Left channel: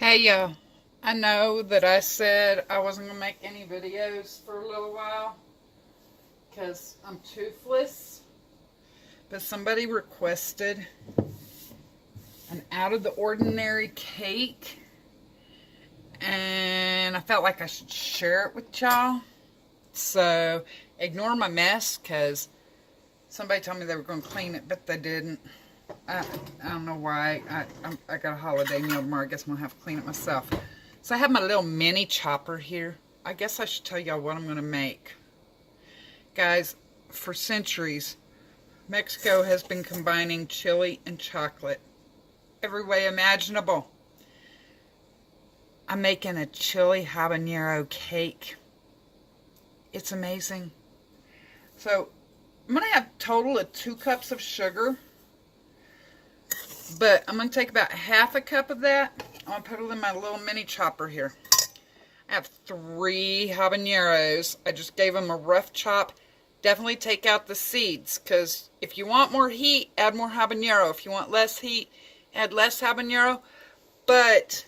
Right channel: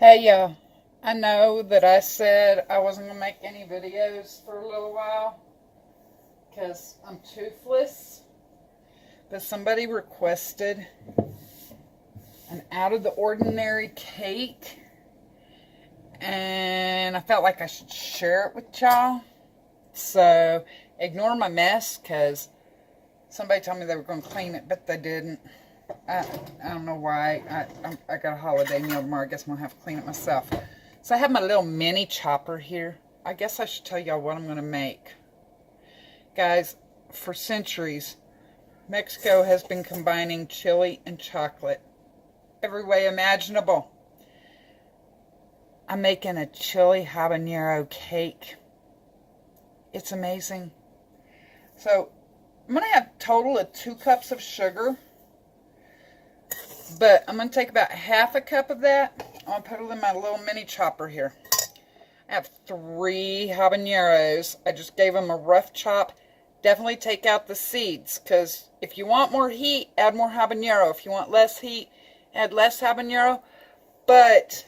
Hey yo, I know that I said I wasn't going to make any videos for a little while because I'm toothless, but somebody requested an out of the ordinary cake and I felt like I should share it with y'all. So ignore my mess because somebody told me they were going to clean it, but they didn't. I don't know why. I got a holiday meal tomorrow. I guess I'm going to have to clean it myself. So I have my little mini chopper here. I guess I should tell y'all what I'm going to make. Guys, for centuries, Mexico has been combining chili and chocolate every way imaginable. I'm making a chili habanero cake. It's amazing. So I'm going to have a total of 2 cups of sugar. But I'm going to take about half a cup of that. I'm going to put it in my little mini chopper here. I have 3 habaneros. I just gave them a rough chop. Definitely take out the seeds, because if you want more heat, add more habanero. If you want less heat, add less habanero. But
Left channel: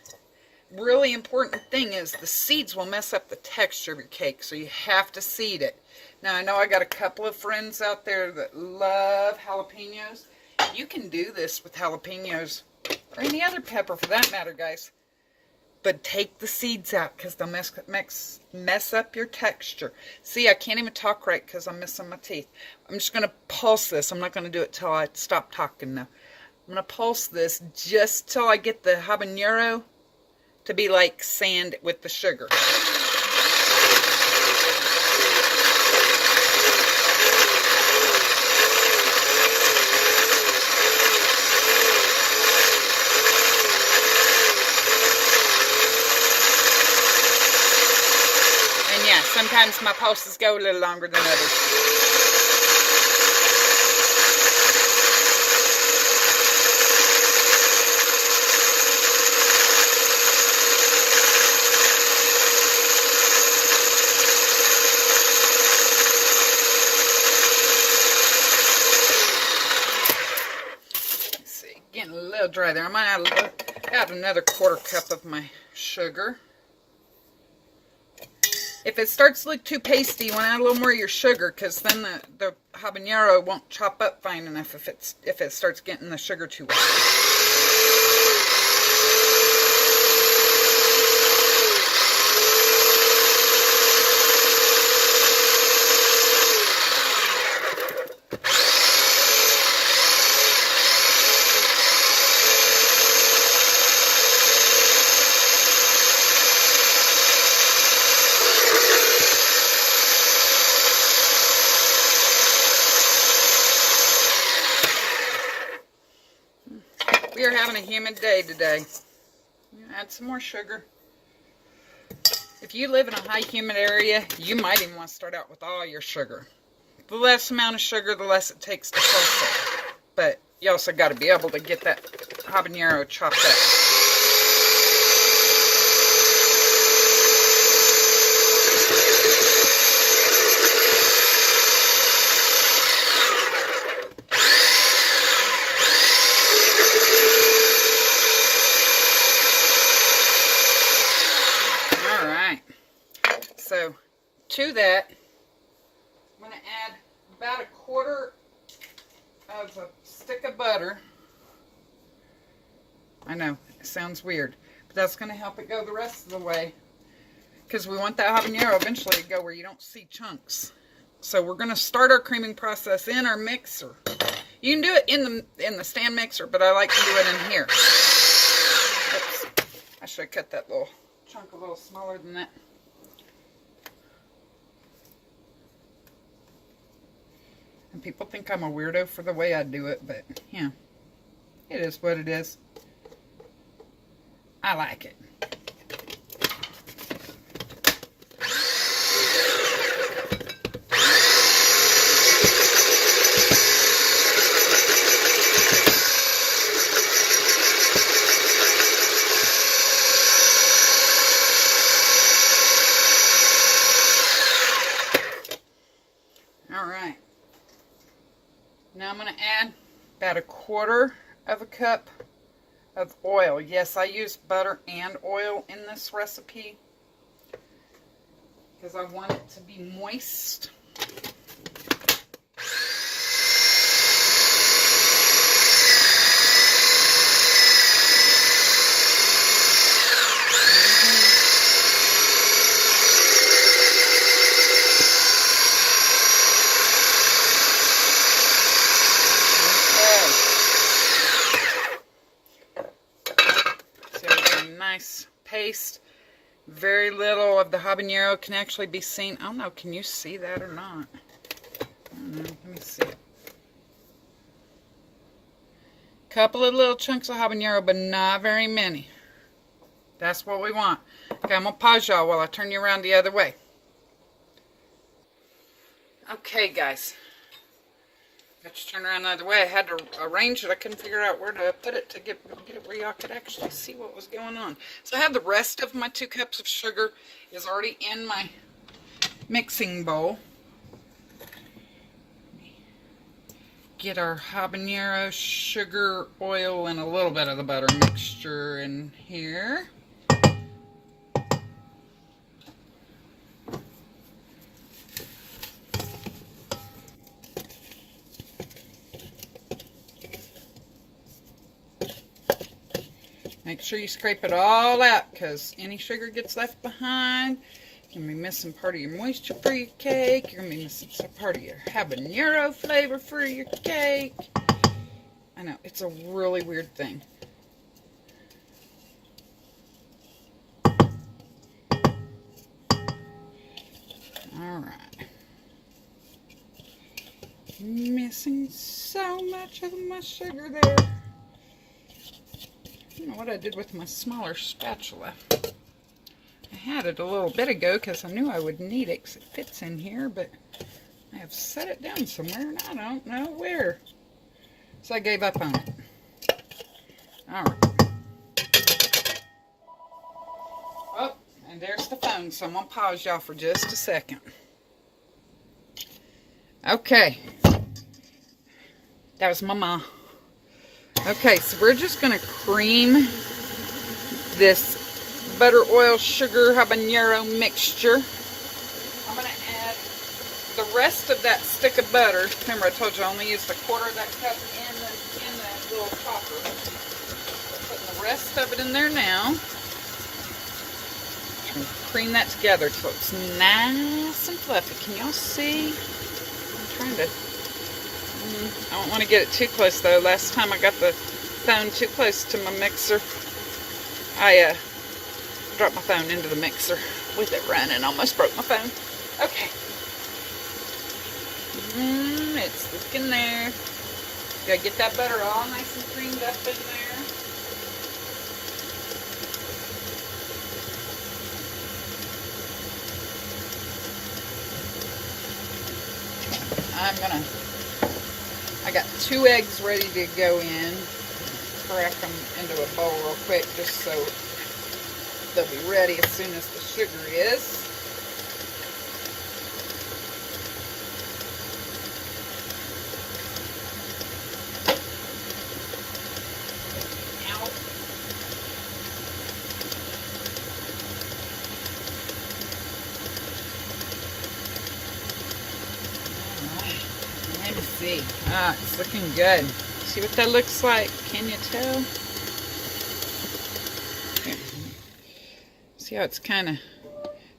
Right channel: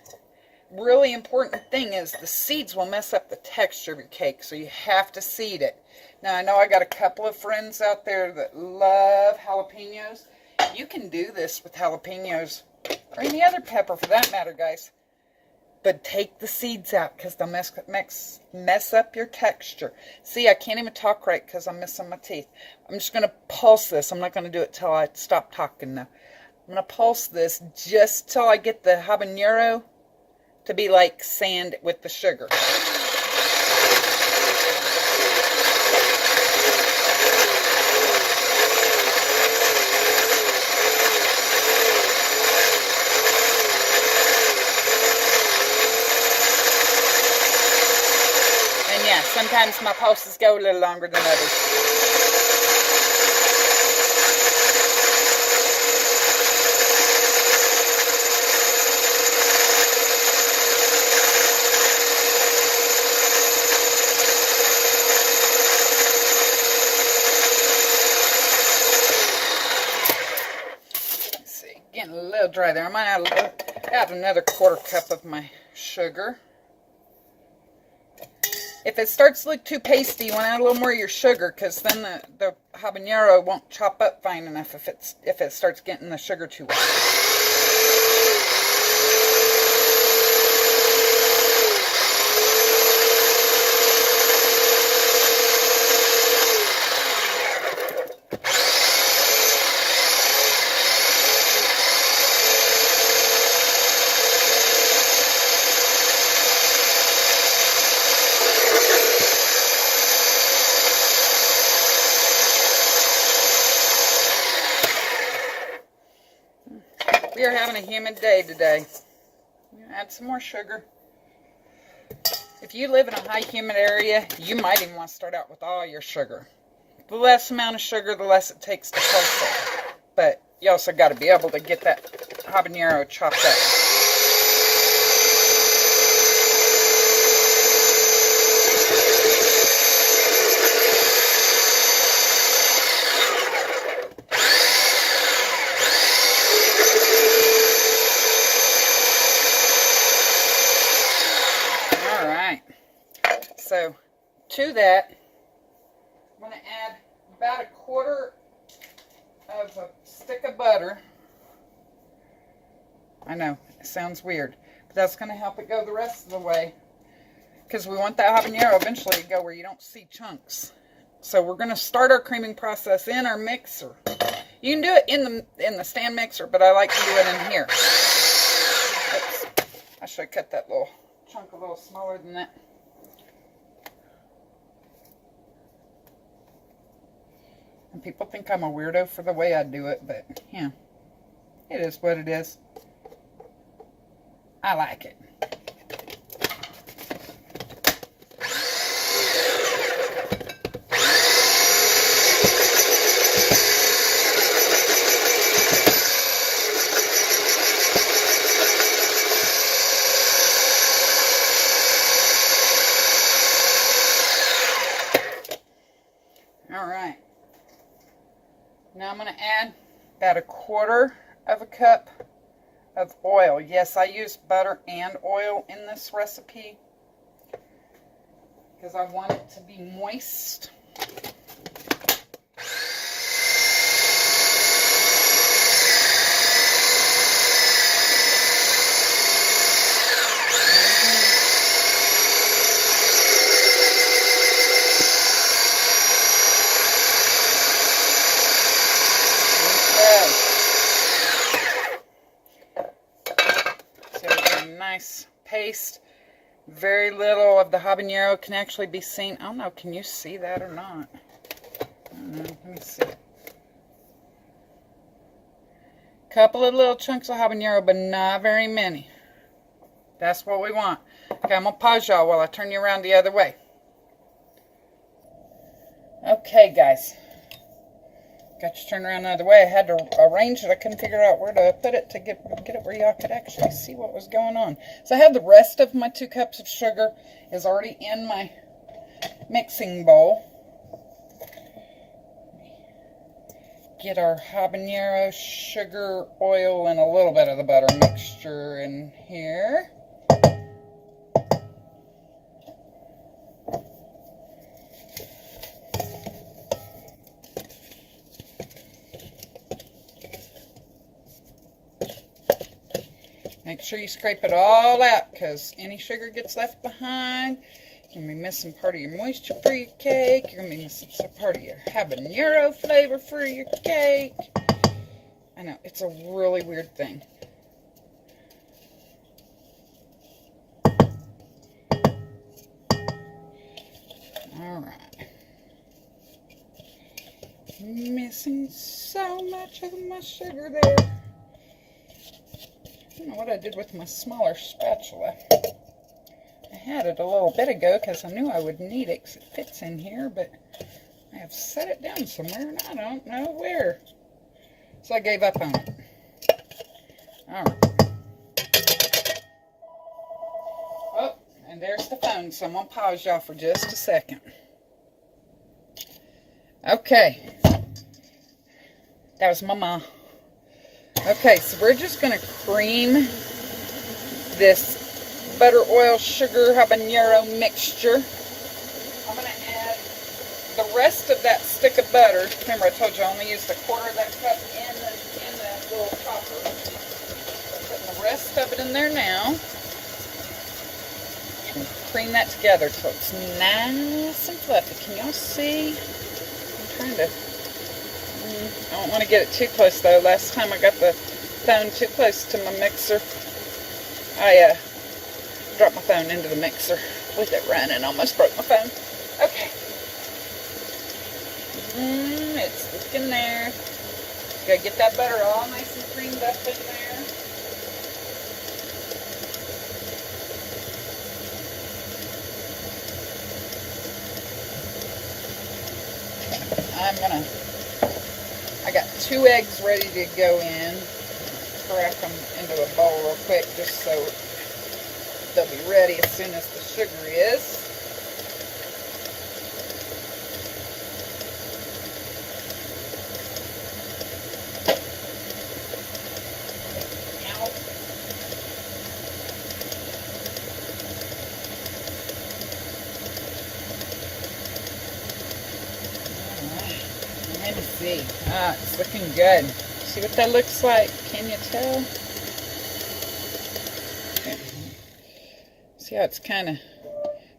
really important thing is the seeds will mess up the texture of your cake, so you have to seed it. Now, I know I got a couple of friends out there that love jalapenos. You can do this with jalapenos, or any other pepper for that matter, guys. But take the seeds out, because they'll mess up your texture. See, I can't even talk right because I'm missing my teeth. I'm just going to pulse this. I'm not going to do it till I stop talking now. I'm going to pulse this just till I get the habanero to be like sand with the sugar. Sometimes my pulses go a little longer than others. Let's see, getting a little dry there. I might add another 1/4 cup of my sugar. If it starts to look too pasty, you want to add a little more of your sugar, because then the habanero won't chop up fine enough if it starts getting the sugar too wet. We are having a humid day today. Add some more sugar. If you live in a high humid area, you might even want to start out with all your sugar. The less amount of sugar, the less it takes to pulse it. But you also got to be able to get that habanero chopped up. So, to that, I'm going to add about a 1/4 of a stick of butter. I know, it sounds weird, but that's going to help it go the rest of the way, because we want that habanero eventually to go where you don't see chunks. So we're going to start our creaming process in our mixer. You can do it in the stand mixer, but I like to do it in here. Oops, I should have cut that little chunk a little smaller than that. And people think I'm a weirdo for the way I do it, but, yeah, it is what it is. I like it. All right. Now I'm going to add about a 1/4 of a cup of oil. Yes, I use butter and oil in this recipe because I want it to be moist. Nice paste. Very little of the habanero can actually be seen. I don't know, can you see that or not? I don't know, let me see it. Couple of little chunks of habanero, but not very many. That's what we want. Okay, I'm gonna pause y'all while I turn you around the other way. Okay, guys. Got you turned around the other way. I had to arrange it. I couldn't figure out where to put it to get it where y'all could actually see what was going on. So I have the rest of my 2 cups of sugar is already in my mixing bowl. Get our habanero, sugar, oil, and a little bit of the butter mixture in here. Make sure you scrape it all out because any sugar gets left behind. You're going to be missing part of your moisture for your cake. You're going to be missing some part of your habanero flavor for your cake. I know, it's a really weird thing. Alright. Missing so much of my sugar there. I don't know what I did with my smaller spatula. I had it a little bit ago because I knew I would need it because it fits in here, but I have set it down somewhere and I don't know where. So I gave up on it. Alright. Oh, and there's the phone, so I'm going to pause y'all for just a second. Okay. That was Mama. Okay, so we're just going to cream this butter, oil, sugar, habanero mixture. I'm going to add the rest of that stick of butter. Remember I told you I only used a quarter of that cup in the little copper. Putting the rest of it in there now. Just going to cream that together till it's nice and fluffy. Can y'all see? I'm trying to... I don't want to get it too close though. Last time I got the phone too close to my mixer, I dropped my phone into the mixer with it running. Almost broke my phone. Okay. It's looking there. Gotta get that butter all nice and creamed up in there. I got 2 eggs ready to go in. Crack them into a bowl real quick just so they'll be ready as soon as the sugar is. Let me see. Ah, it's looking good. See what that looks like? Can you tell? See how it's kind of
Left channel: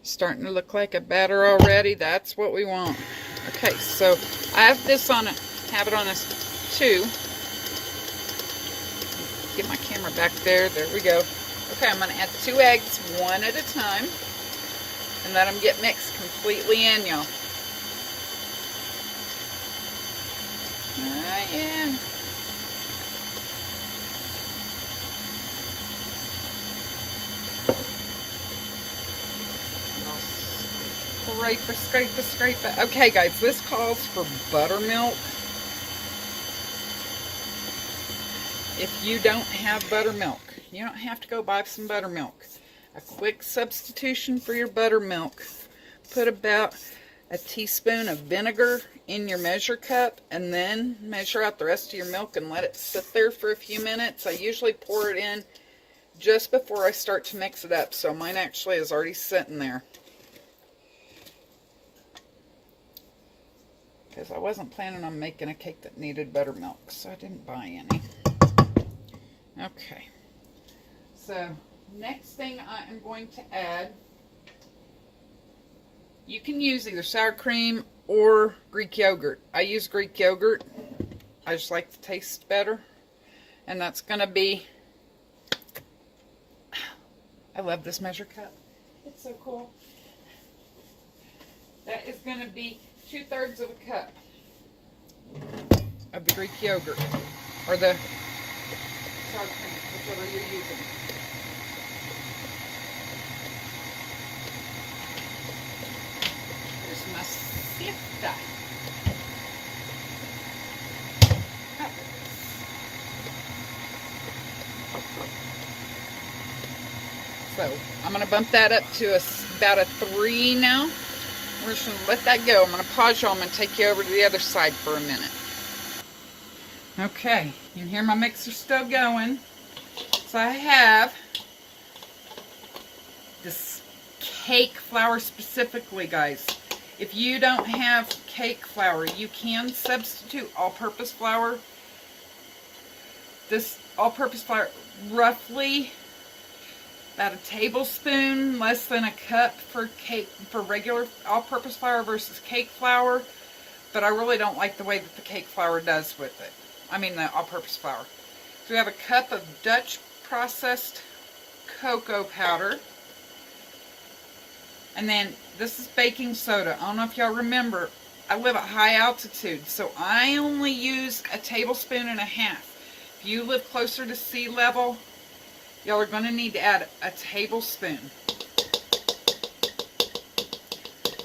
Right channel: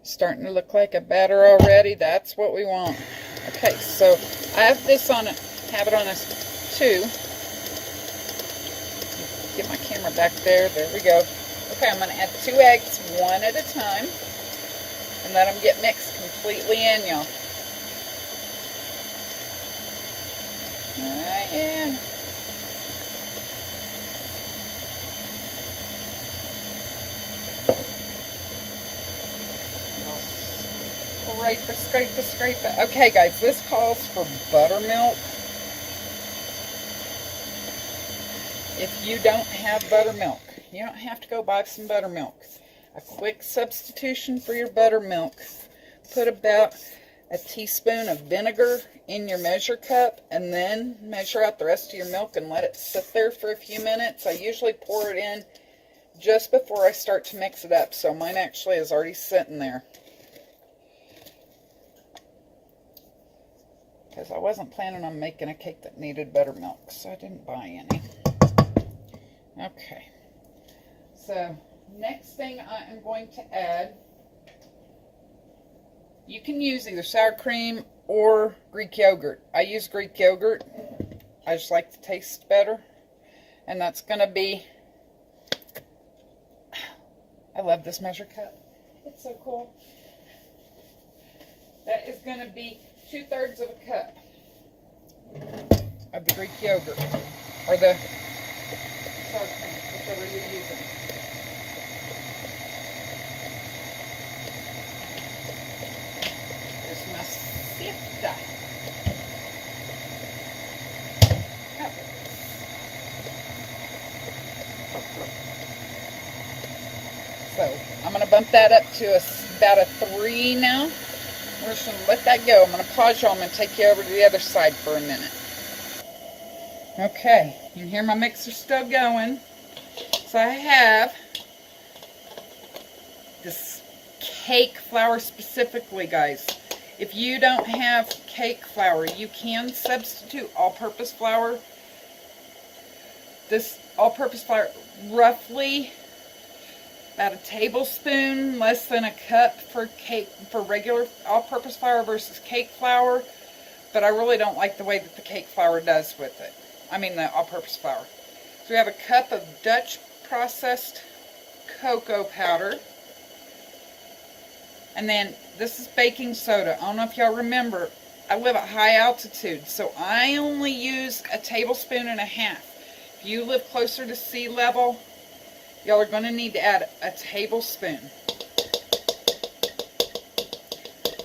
starting to look like a batter already? That's what we want. Okay, so I have this on it. Have it on this 2. Get my camera back there. There we go. Okay, I'm going to add 2 eggs one at a time and let them get mixed completely in, y'all. Yeah. Scrape it. Okay, guys, this calls for buttermilk. If you don't have buttermilk, you don't have to go buy some buttermilk. A quick substitution for your buttermilk. Put about a teaspoon of vinegar in your measure cup, and then measure out the rest of your milk and let it sit there for a few minutes. I usually pour it in just before I start to mix it up, so mine actually is already sitting there. Because I wasn't planning on making a cake that needed buttermilk, so I didn't buy any. Okay. So, next thing I am going to add, you can use either sour cream or Greek yogurt. I use Greek yogurt. I just like the taste better. And that's going to be, I love this measure cup. It's so cool. That is going to be 2/3 of a cup of the Greek yogurt, or the sour cream, whichever you're using. There's my sifter. So I'm going to bump that up to about a 3 now. We're just going to let that go. I'm going to pause you. I'm going to take you over to the other side for a minute. Okay, you can hear my mixer still going. So I have this cake flour specifically, guys. If you don't have cake flour, you can substitute all-purpose flour. This all-purpose flour, roughly about a tablespoon, less than a cup for regular all-purpose flour versus cake flour. But I really don't like the way that the cake flour does with it. I mean the all-purpose flour. So we have a cup of Dutch processed cocoa powder. And then this is baking soda. I don't know if y'all remember, I live at high altitude, so I only use a tablespoon and a half. If you live closer to sea level, y'all are going to need to add a tablespoon.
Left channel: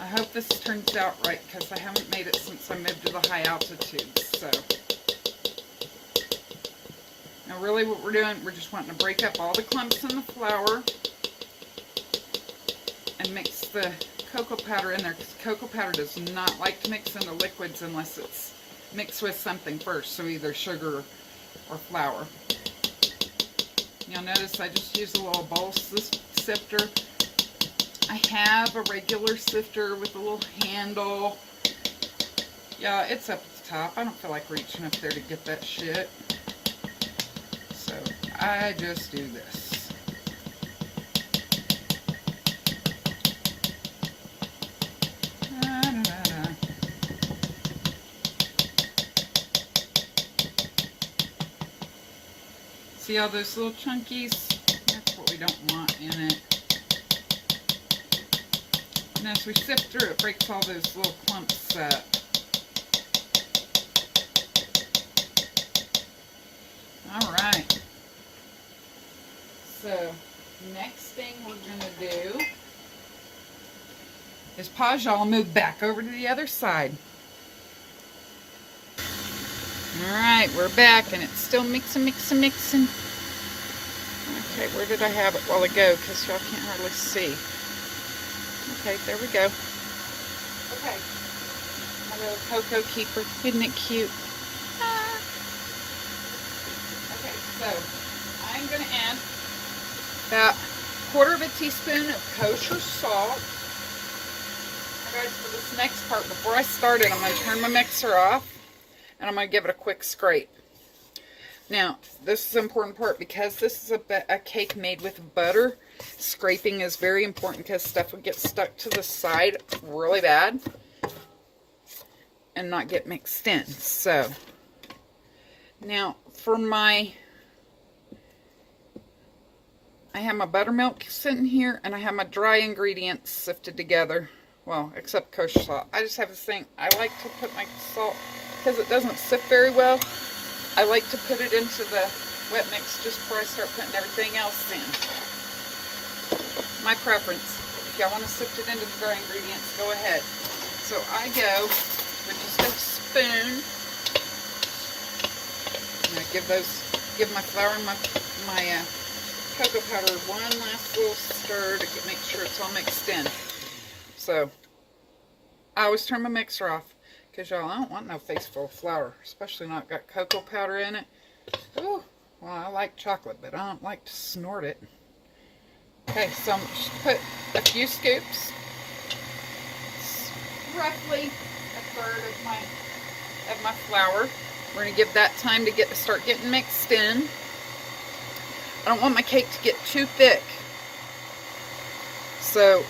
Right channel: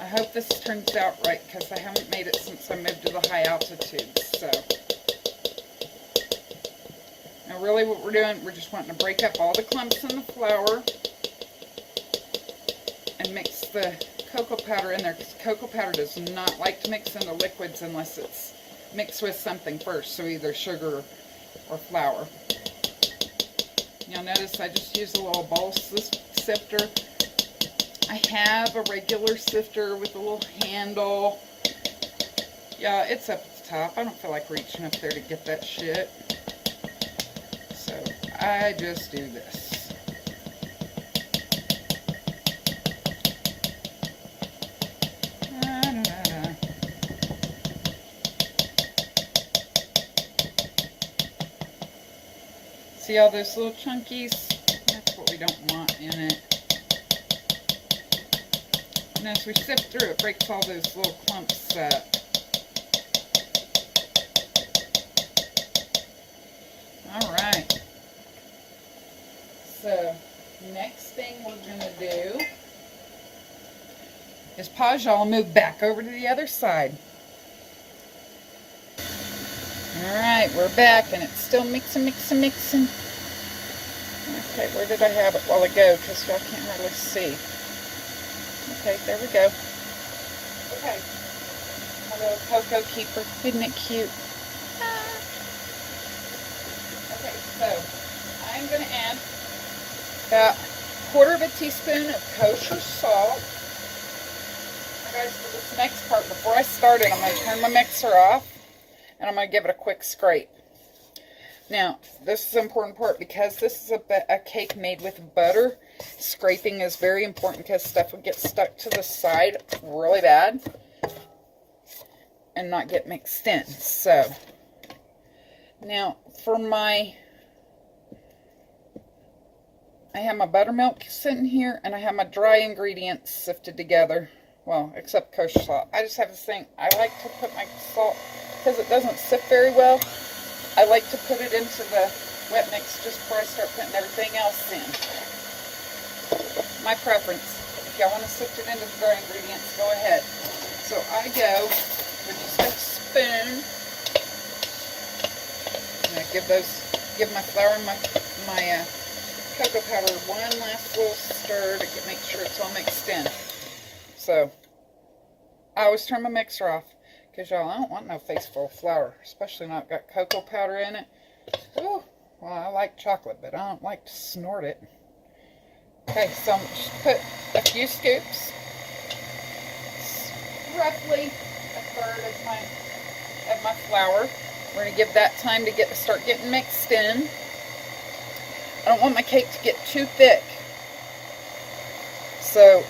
I hope this turns out right, because I haven't made it since I moved to the high altitude. So, now really what we're doing, we're just wanting to break up all the clumps in the flour and mix the cocoa powder in there, because cocoa powder does not like to mix into liquids unless it's mixed with something first, so either sugar or flour. You'll notice I just use a little bowl sifter. I have a regular sifter with a little handle. Yeah, it's up at the top. I don't feel like reaching up there to get that shit. So I just do this. See all those little chunkies? That's what we don't want in it. And as we sift through, it breaks all those little clumps up. Alright. So, next thing we're going to do is pause y'all and move back over to the other side. Alright, we're back, and it's still mixing. Okay, where did I have it while ago? Because y'all can't hardly see. Okay, there we go. Okay, my little cocoa keeper. Isn't it cute? Okay, so I'm going to add about 1/4 teaspoon of kosher salt. Guys, for this next part, before I start it, I'm going to turn my mixer off. And I'm going to give it a quick scrape. Now, this is an important part because this is a cake made with butter. Scraping is very important because stuff would get stuck to the side really bad and not get mixed in. So, now for I have my buttermilk sitting here and I have my dry ingredients sifted together. Well, except kosher salt. I just have this thing. I like to put my salt, because it doesn't sift very well, I like to put it into the wet mix just before I start putting everything else in. My preference. If y'all want to sift it into the dry ingredients, go ahead. So I go with just a spoon. And I give my flour and my cocoa powder one last little stir to make sure it's all mixed in. So I always turn my mixer off because, y'all, I don't want no face full of flour, especially not got cocoa powder in it. Ooh, well, I like chocolate, but I don't like to snort it. Okay, so I'm just put a few scoops, roughly a third of my flour. We're going to give that time to start getting mixed in. I don't want my cake to get too thick. So,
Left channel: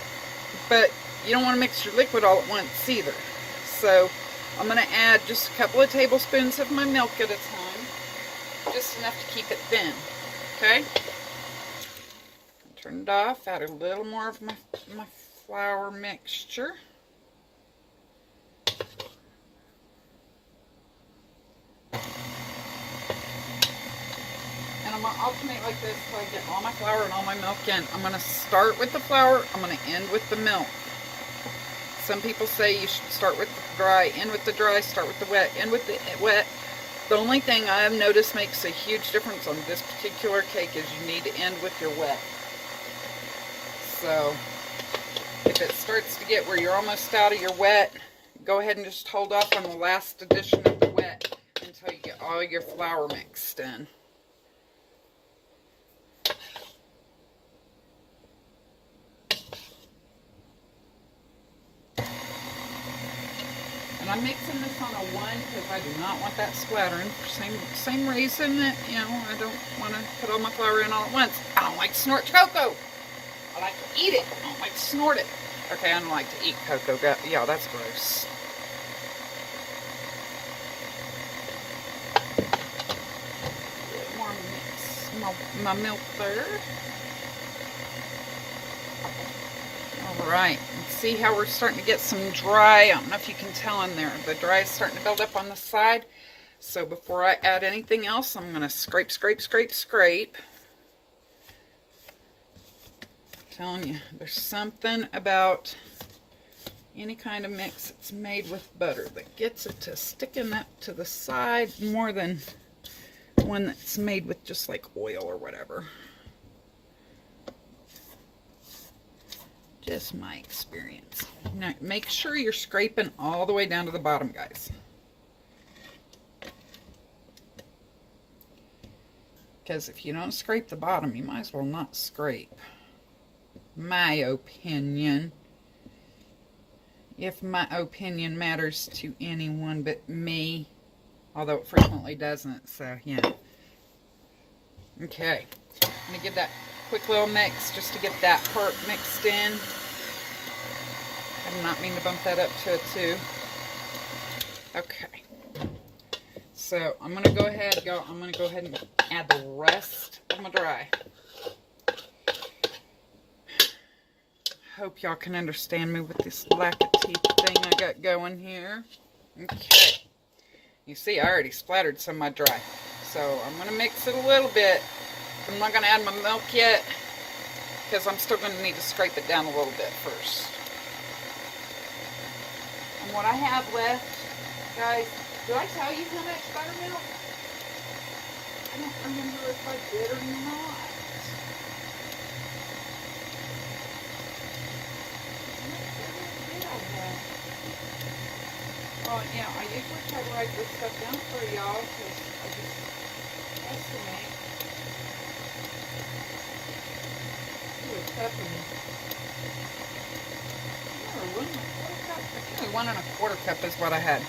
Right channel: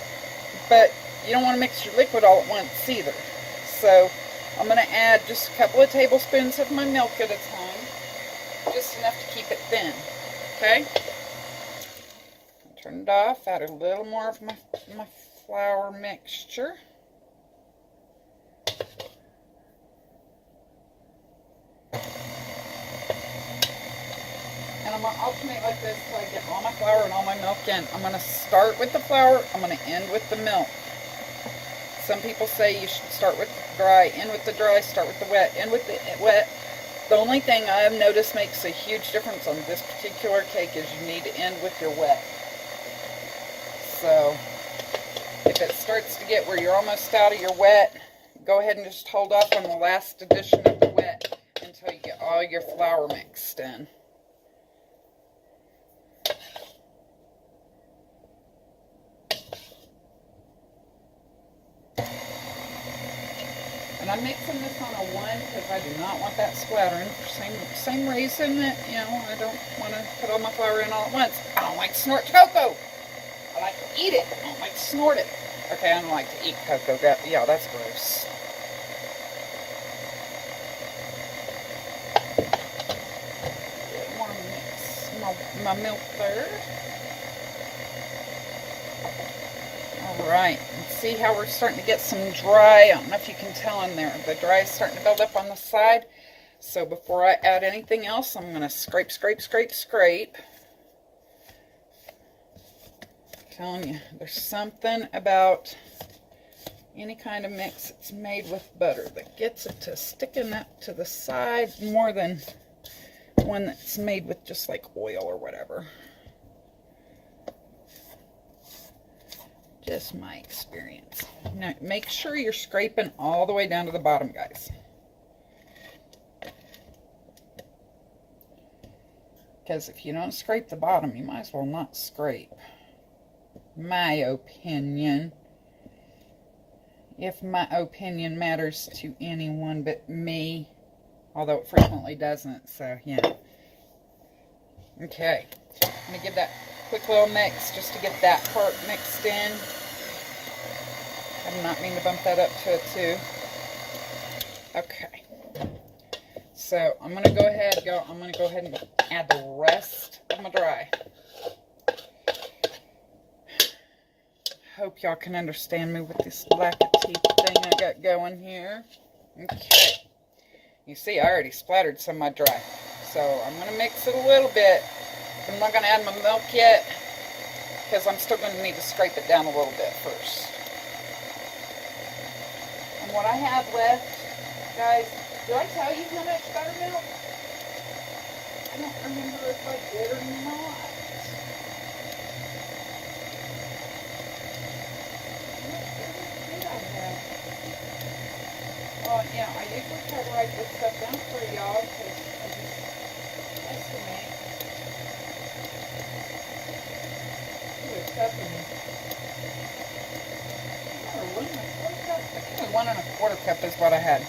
but you don't want to mix your liquid all at once either. So, I'm going to add just a couple of tablespoons of my milk at a time. Just enough to keep it thin. Okay? Turn it off. Add a little more of my flour mixture. And I'm going to alternate like this until I get all my flour and all my milk in. I'm going to start with the flour. I'm going to end with the milk. Some people say you should start with the dry, end with the dry, start with the wet, end with the wet. The only thing I've noticed makes a huge difference on this particular cake is you need to end with your wet. So, if it starts to get where you're almost out of your wet, go ahead and just hold off on the last addition of the wet until you get all your flour mixed in. And I'm mixing this on a 1 because I do not want that splattering. Same reason that, you know, I don't want to put all my flour in all at once. I don't like to snort cocoa. I like to eat it. I don't like to snort it. Okay, I don't like to eat cocoa. Yeah, that's gross. More mix my milk third. Alright, see how we're starting to get some dry. I don't know if you can tell in there. The dry is starting to build up on the side. So before I add anything else, I'm going to scrape, scrape, scrape, scrape. I'm telling you, there's something about any kind of mix that's made with butter that gets it to sticking up to the side more than one that's made with just like oil or whatever. Just my experience. Now, make sure you're scraping all the way down to the bottom, guys. Because if you don't scrape the bottom, you might as well not scrape. My opinion. If my opinion matters to anyone but me. Although it frequently doesn't, so yeah. Okay. I'm going to give that a quick little mix just to get that part mixed in. I did not mean to bump that up to a 2. Okay. So I'm going to go ahead, and add the rest of my dry. Hope y'all can understand me with this lack of teeth thing I got going here. Okay. You see, I already splattered some of my dry. So I'm going to mix it a little bit. I'm not going to add my milk yet because I'm still going to need to scrape it down a little bit first. And what I have left, guys, did I tell you how much buttermilk? I don't remember if I did or not. Well, yeah, I usually try to write this stuff down for y'all because I just estimate. One and a quarter cup is what I had.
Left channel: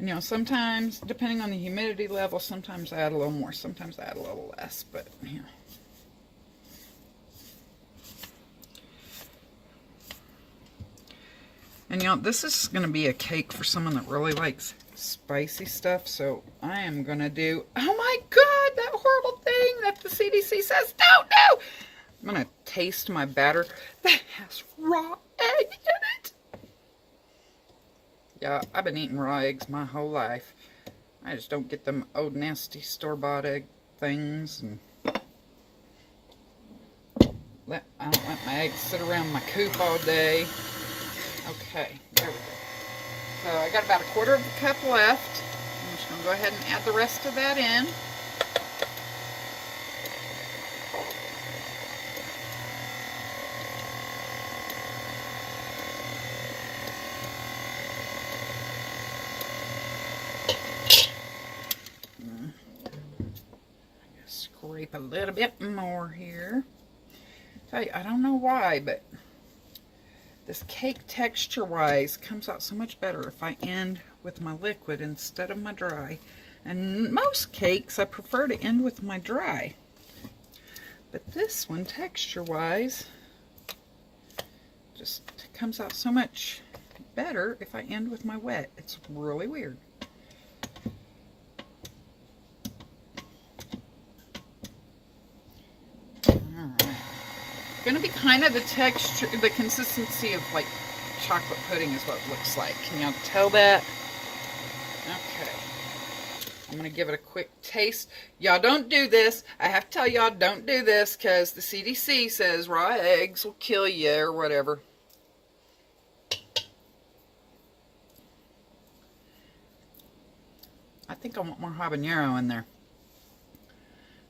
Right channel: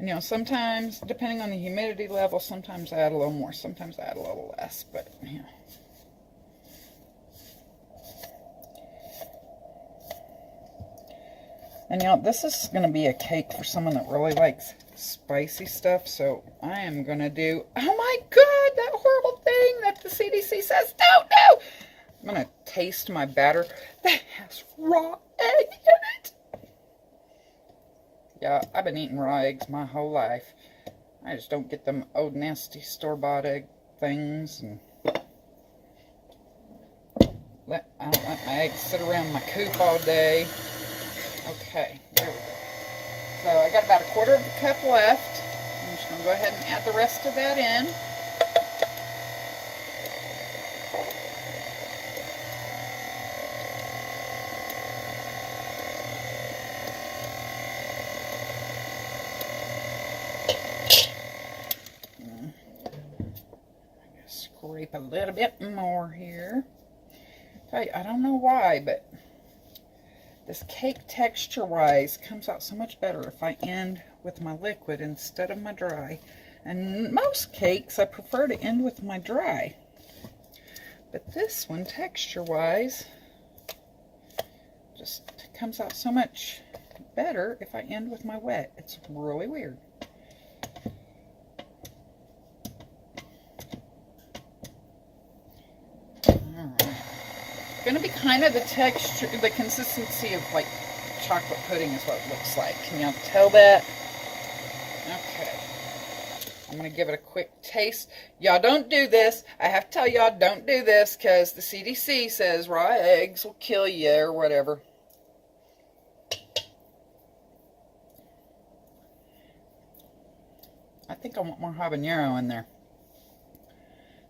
You know, sometimes, depending on the humidity level, sometimes I add a little more, sometimes I add a little less, but, you know. And, you know, this is going to be a cake for someone that really likes spicy stuff, so I am going to do, oh my God, that horrible thing that the CDC says don't do. I'm going to taste my batter that has raw egg in it. Yeah, I've been eating raw eggs my whole life. I just don't get them old nasty store-bought egg things. And I don't let my eggs sit around my coop all day. Okay, there we go. So I got about a quarter of a cup left. just going to go ahead and add the rest of that in. Scrape a little bit more here. I don't know why, but this cake texture-wise comes out so much better if I end with my liquid instead of my dry. And most cakes, I prefer to end with my dry. But this one, texture-wise, just comes out so much better if I end with my wet. It's really weird. Going to be kind of the texture, the consistency of like chocolate pudding is what it looks like. Can y'all tell that? Okay. I'm going to give it a quick taste. Y'all don't do this. I have to tell y'all, don't do this because the CDC says raw eggs will kill you or whatever. I think I want more habanero in there.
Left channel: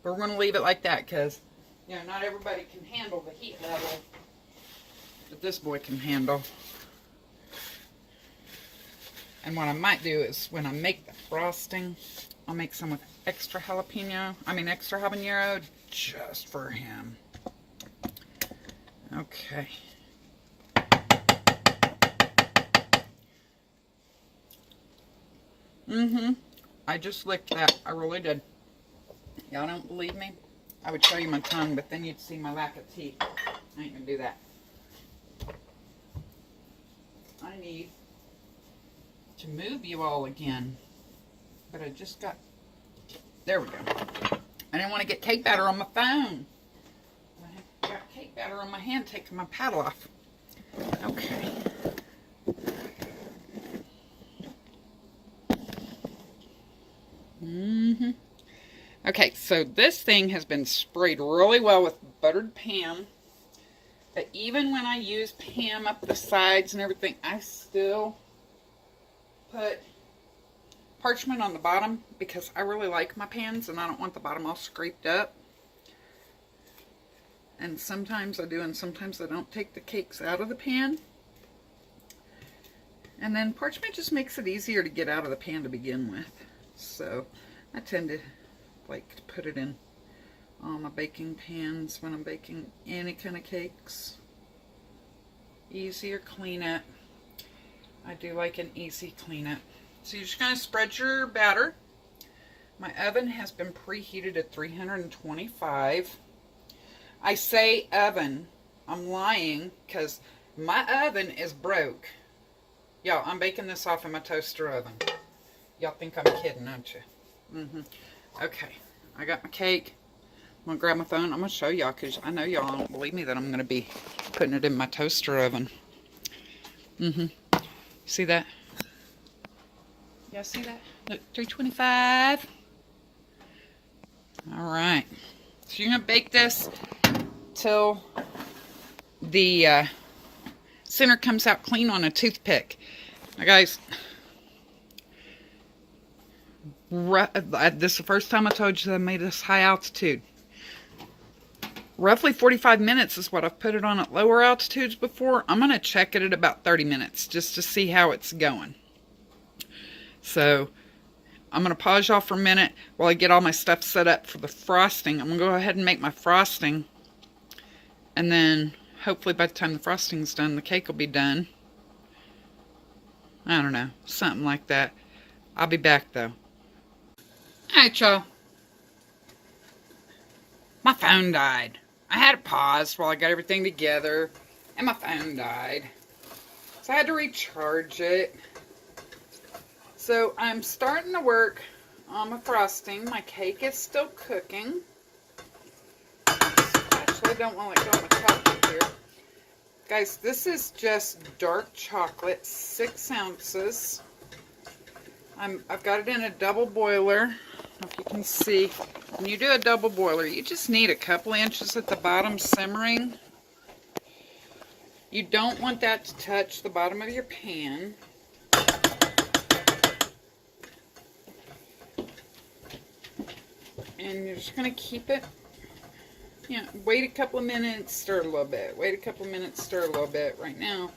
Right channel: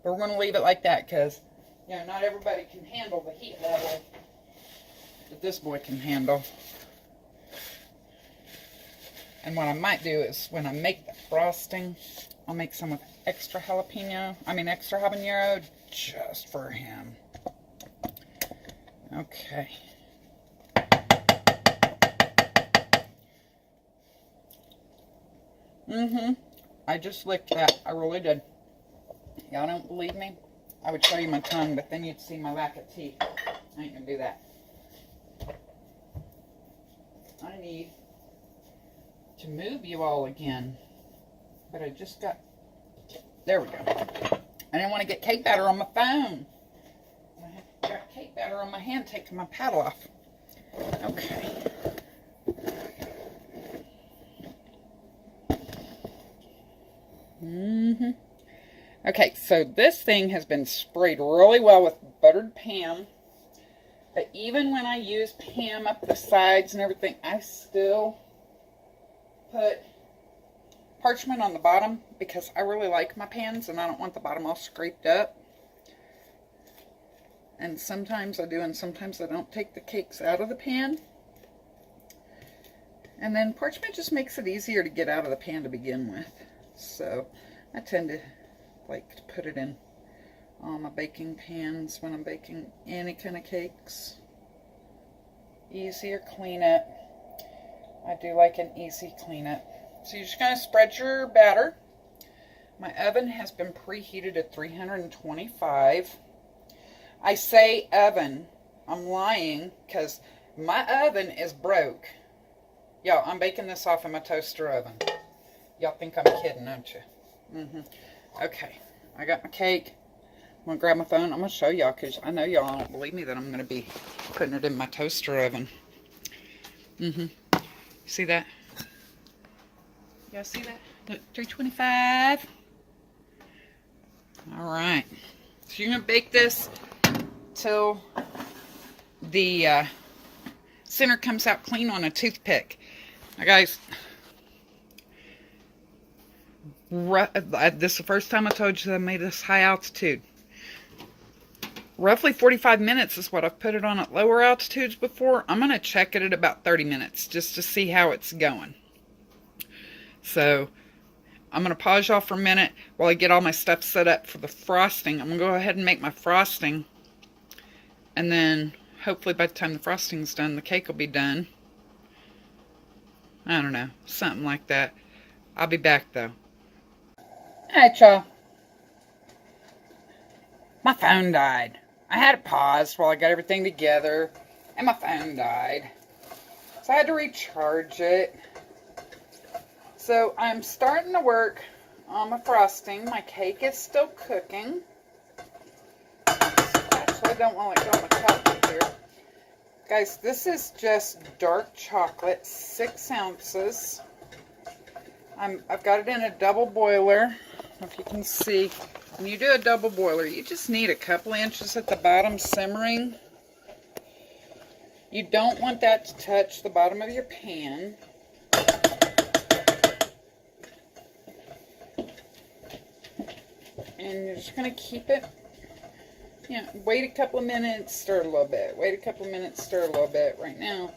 But we're going to leave it like that because, you know, not everybody can handle the heat level that this boy can handle. And what I might do is when I make the frosting, I'll make some with extra extra habanero just for him. Okay. I just licked that. I really did. Y'all don't believe me? I would show you my tongue, but then you'd see my lack of teeth. I ain't gonna do that. I need to move you all again. But I just got... There we go. I didn't want to get cake batter on my phone. I got cake batter on my hand taking my paddle off. Okay. Okay, so this thing has been sprayed really well with buttered Pam. But even when I use Pam up the sides and everything, I still put parchment on the bottom because I really like my pans and I don't want the bottom all scraped up. And sometimes I do and sometimes I don't take the cakes out of the pan. And then parchment just makes it easier to get out of the pan to begin with. So I tend to like to put it in all my baking pans when I'm baking any kind of cakes. Easier clean it. I do like an easy clean it. So you're just going to spread your batter. My oven has been preheated at 325. I say oven. I'm lying because my oven is broke. Yo, I'm baking this off in my toaster oven. Y'all think I'm kidding, don't you? Okay, I got my cake. I'm going to grab my phone. I'm going to show y'all because I know y'all don't believe me that I'm going to be putting it in my toaster oven. See that? Y'all see that? Look, 325. Alright. So you're going to bake this till the center comes out clean on a toothpick. Now guys, this is the first time I told you that I made this high altitude. Roughly 45 minutes is what I've put it on at lower altitudes before. I'm going to check it at about 30 minutes just to see how it's going. So I'm going to pause y'all for a minute while I get all my stuff set up for the frosting. I'm going to go ahead and make my frosting. And then hopefully by the time the frosting's done, the cake will be done. I don't know. Something like that. I'll be back though. Alright, y'all. My phone died. I had to pause while I got everything together, and my phone died. So I had to recharge it. So I'm starting to work on my frosting. My cake is still cooking. Actually, I don't want to let go of my chocolate here. Guys, this is just dark chocolate, 6 ounces. I've got it in a double boiler. If you can see, when you do a double boiler, you just need a couple inches at the bottom simmering. You don't want that to touch the bottom of your pan. And you're just going to keep it, wait a couple of minutes, stir a little bit. Wait a couple of minutes, stir a little bit. Right now,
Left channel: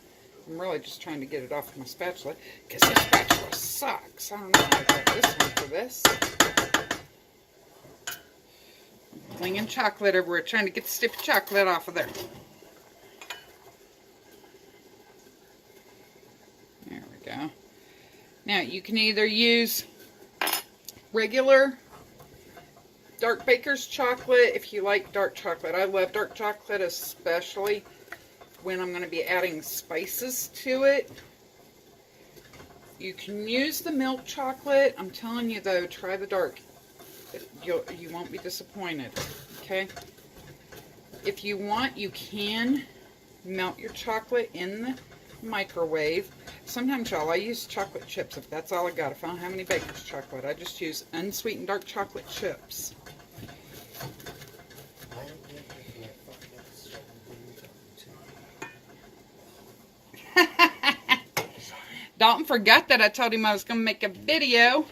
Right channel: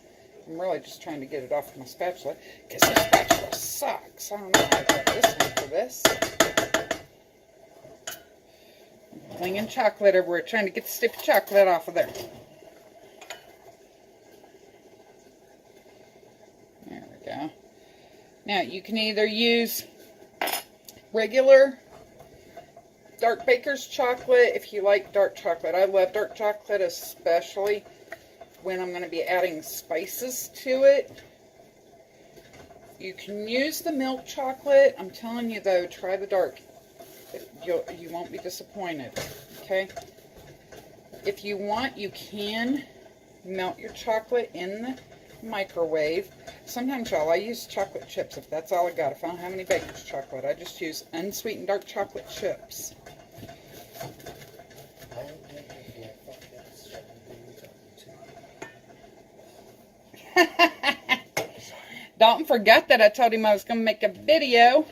I'm really just trying to get it off my spatula because this spatula sucks. I don't know if I got this one for this. Clinging chocolate everywhere, trying to get the sticky chocolate off of there. There we go. Now, you can either use regular dark baker's chocolate if you like dark chocolate. I love dark chocolate, especially when I'm going to be adding spices to it. You can use the milk chocolate. I'm telling you though, try the dark. You won't be disappointed, okay? If you want, you can melt your chocolate in the microwave. Sometimes, y'all, I use chocolate chips if that's all I got. If I don't have any baker's chocolate, I just use unsweetened dark chocolate chips. Dalton forgot that I told him I was going to make a video.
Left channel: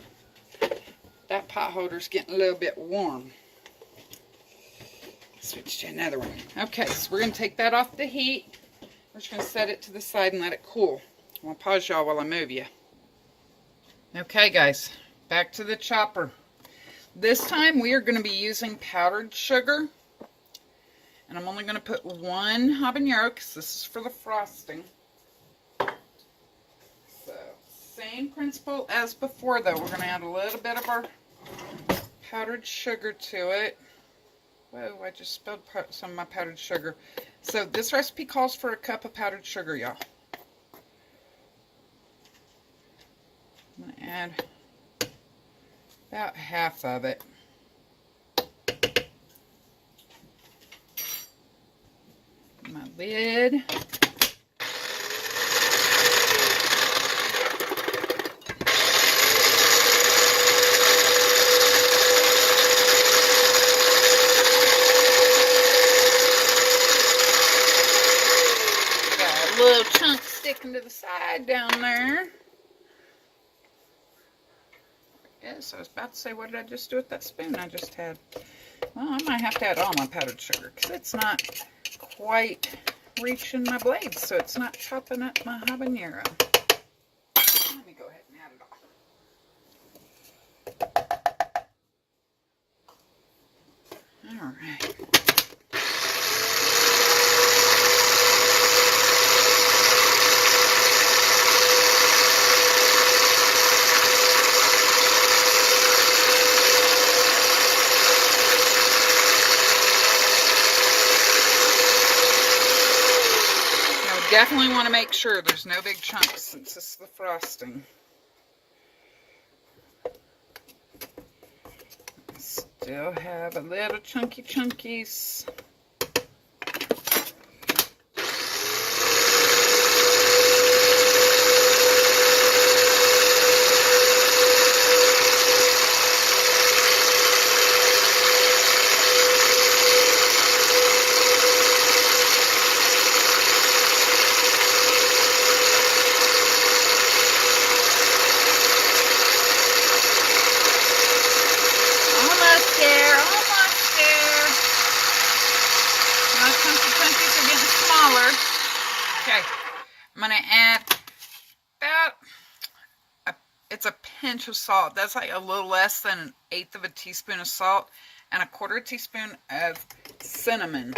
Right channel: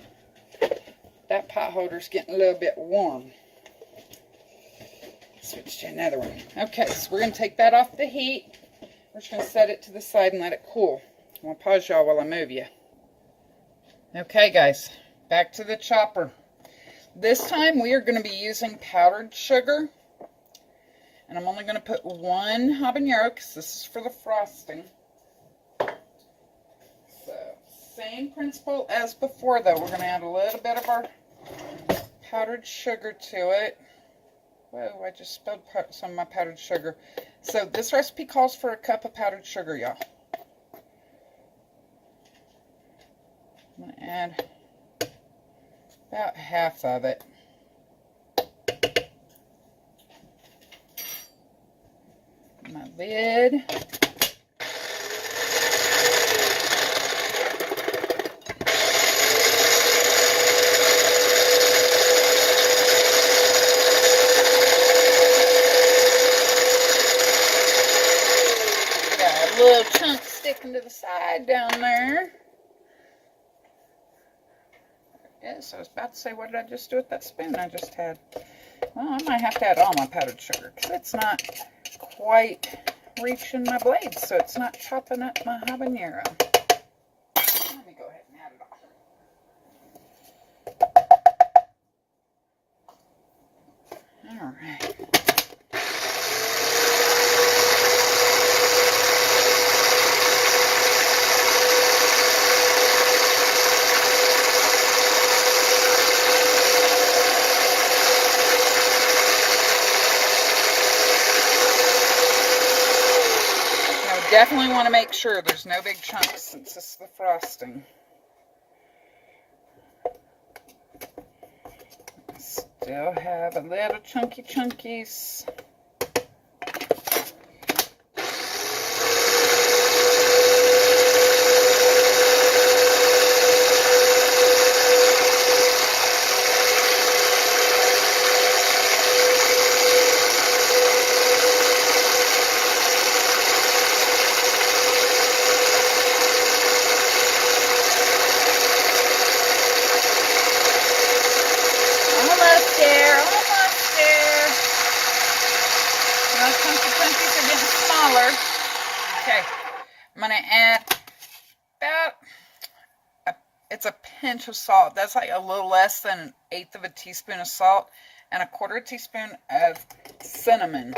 That pot holder's getting a little bit warm. Switch to another one. Okay, so we're going to take that off the heat. We're just going to set it to the side and let it cool. I'm going to pause y'all while I move you. Okay, guys, back to the chopper. This time we are going to be using powdered sugar. And I'm only going to put one habanero because this is for the frosting. So, same principle as before though. We're going to add a little bit of our powdered sugar to it. Whoa, I just spilled some of my powdered sugar. So this recipe calls for a cup of powdered sugar, y'all. I'm going to add about half of it. My lid. Little chunk sticking to the side down there. Yes, I was about to say, what did I just do with that spoon I just had? Well, I might have to add all my powdered sugar because it's not quite reaching my blade, so it's not chopping up my habanero. Let me go ahead and add it all. All right. Definitely want to make sure there's no big chunks since this is the frosting. Still have a little chunkies. I'm going to add about it's a pinch of salt. That's like a little less than 1/8 of a teaspoon of salt and 1/4 teaspoon of cinnamon.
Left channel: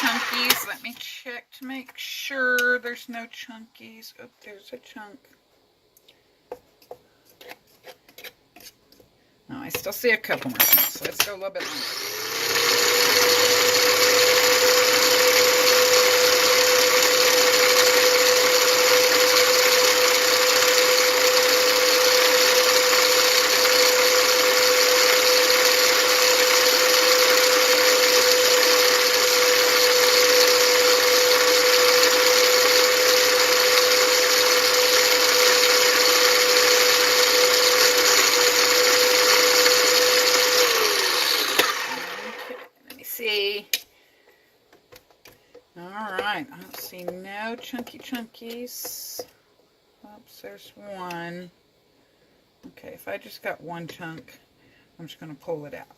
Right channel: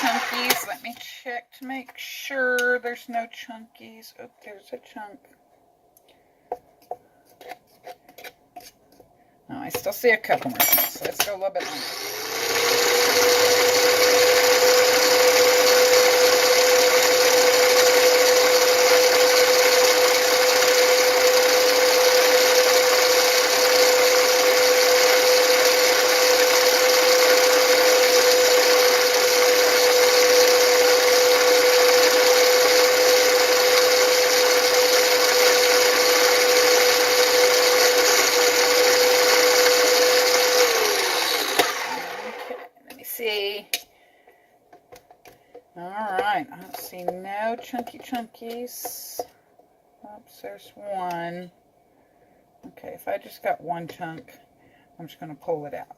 Chunkies. Let me check to make sure there's no chunkies. Oh, there's a chunk. No, I still see a couple more chunks, so let's go a little bit longer. chunky chunkies. Oops, there's one. Okay, if I just got one chunk, I'm just going to pull it out.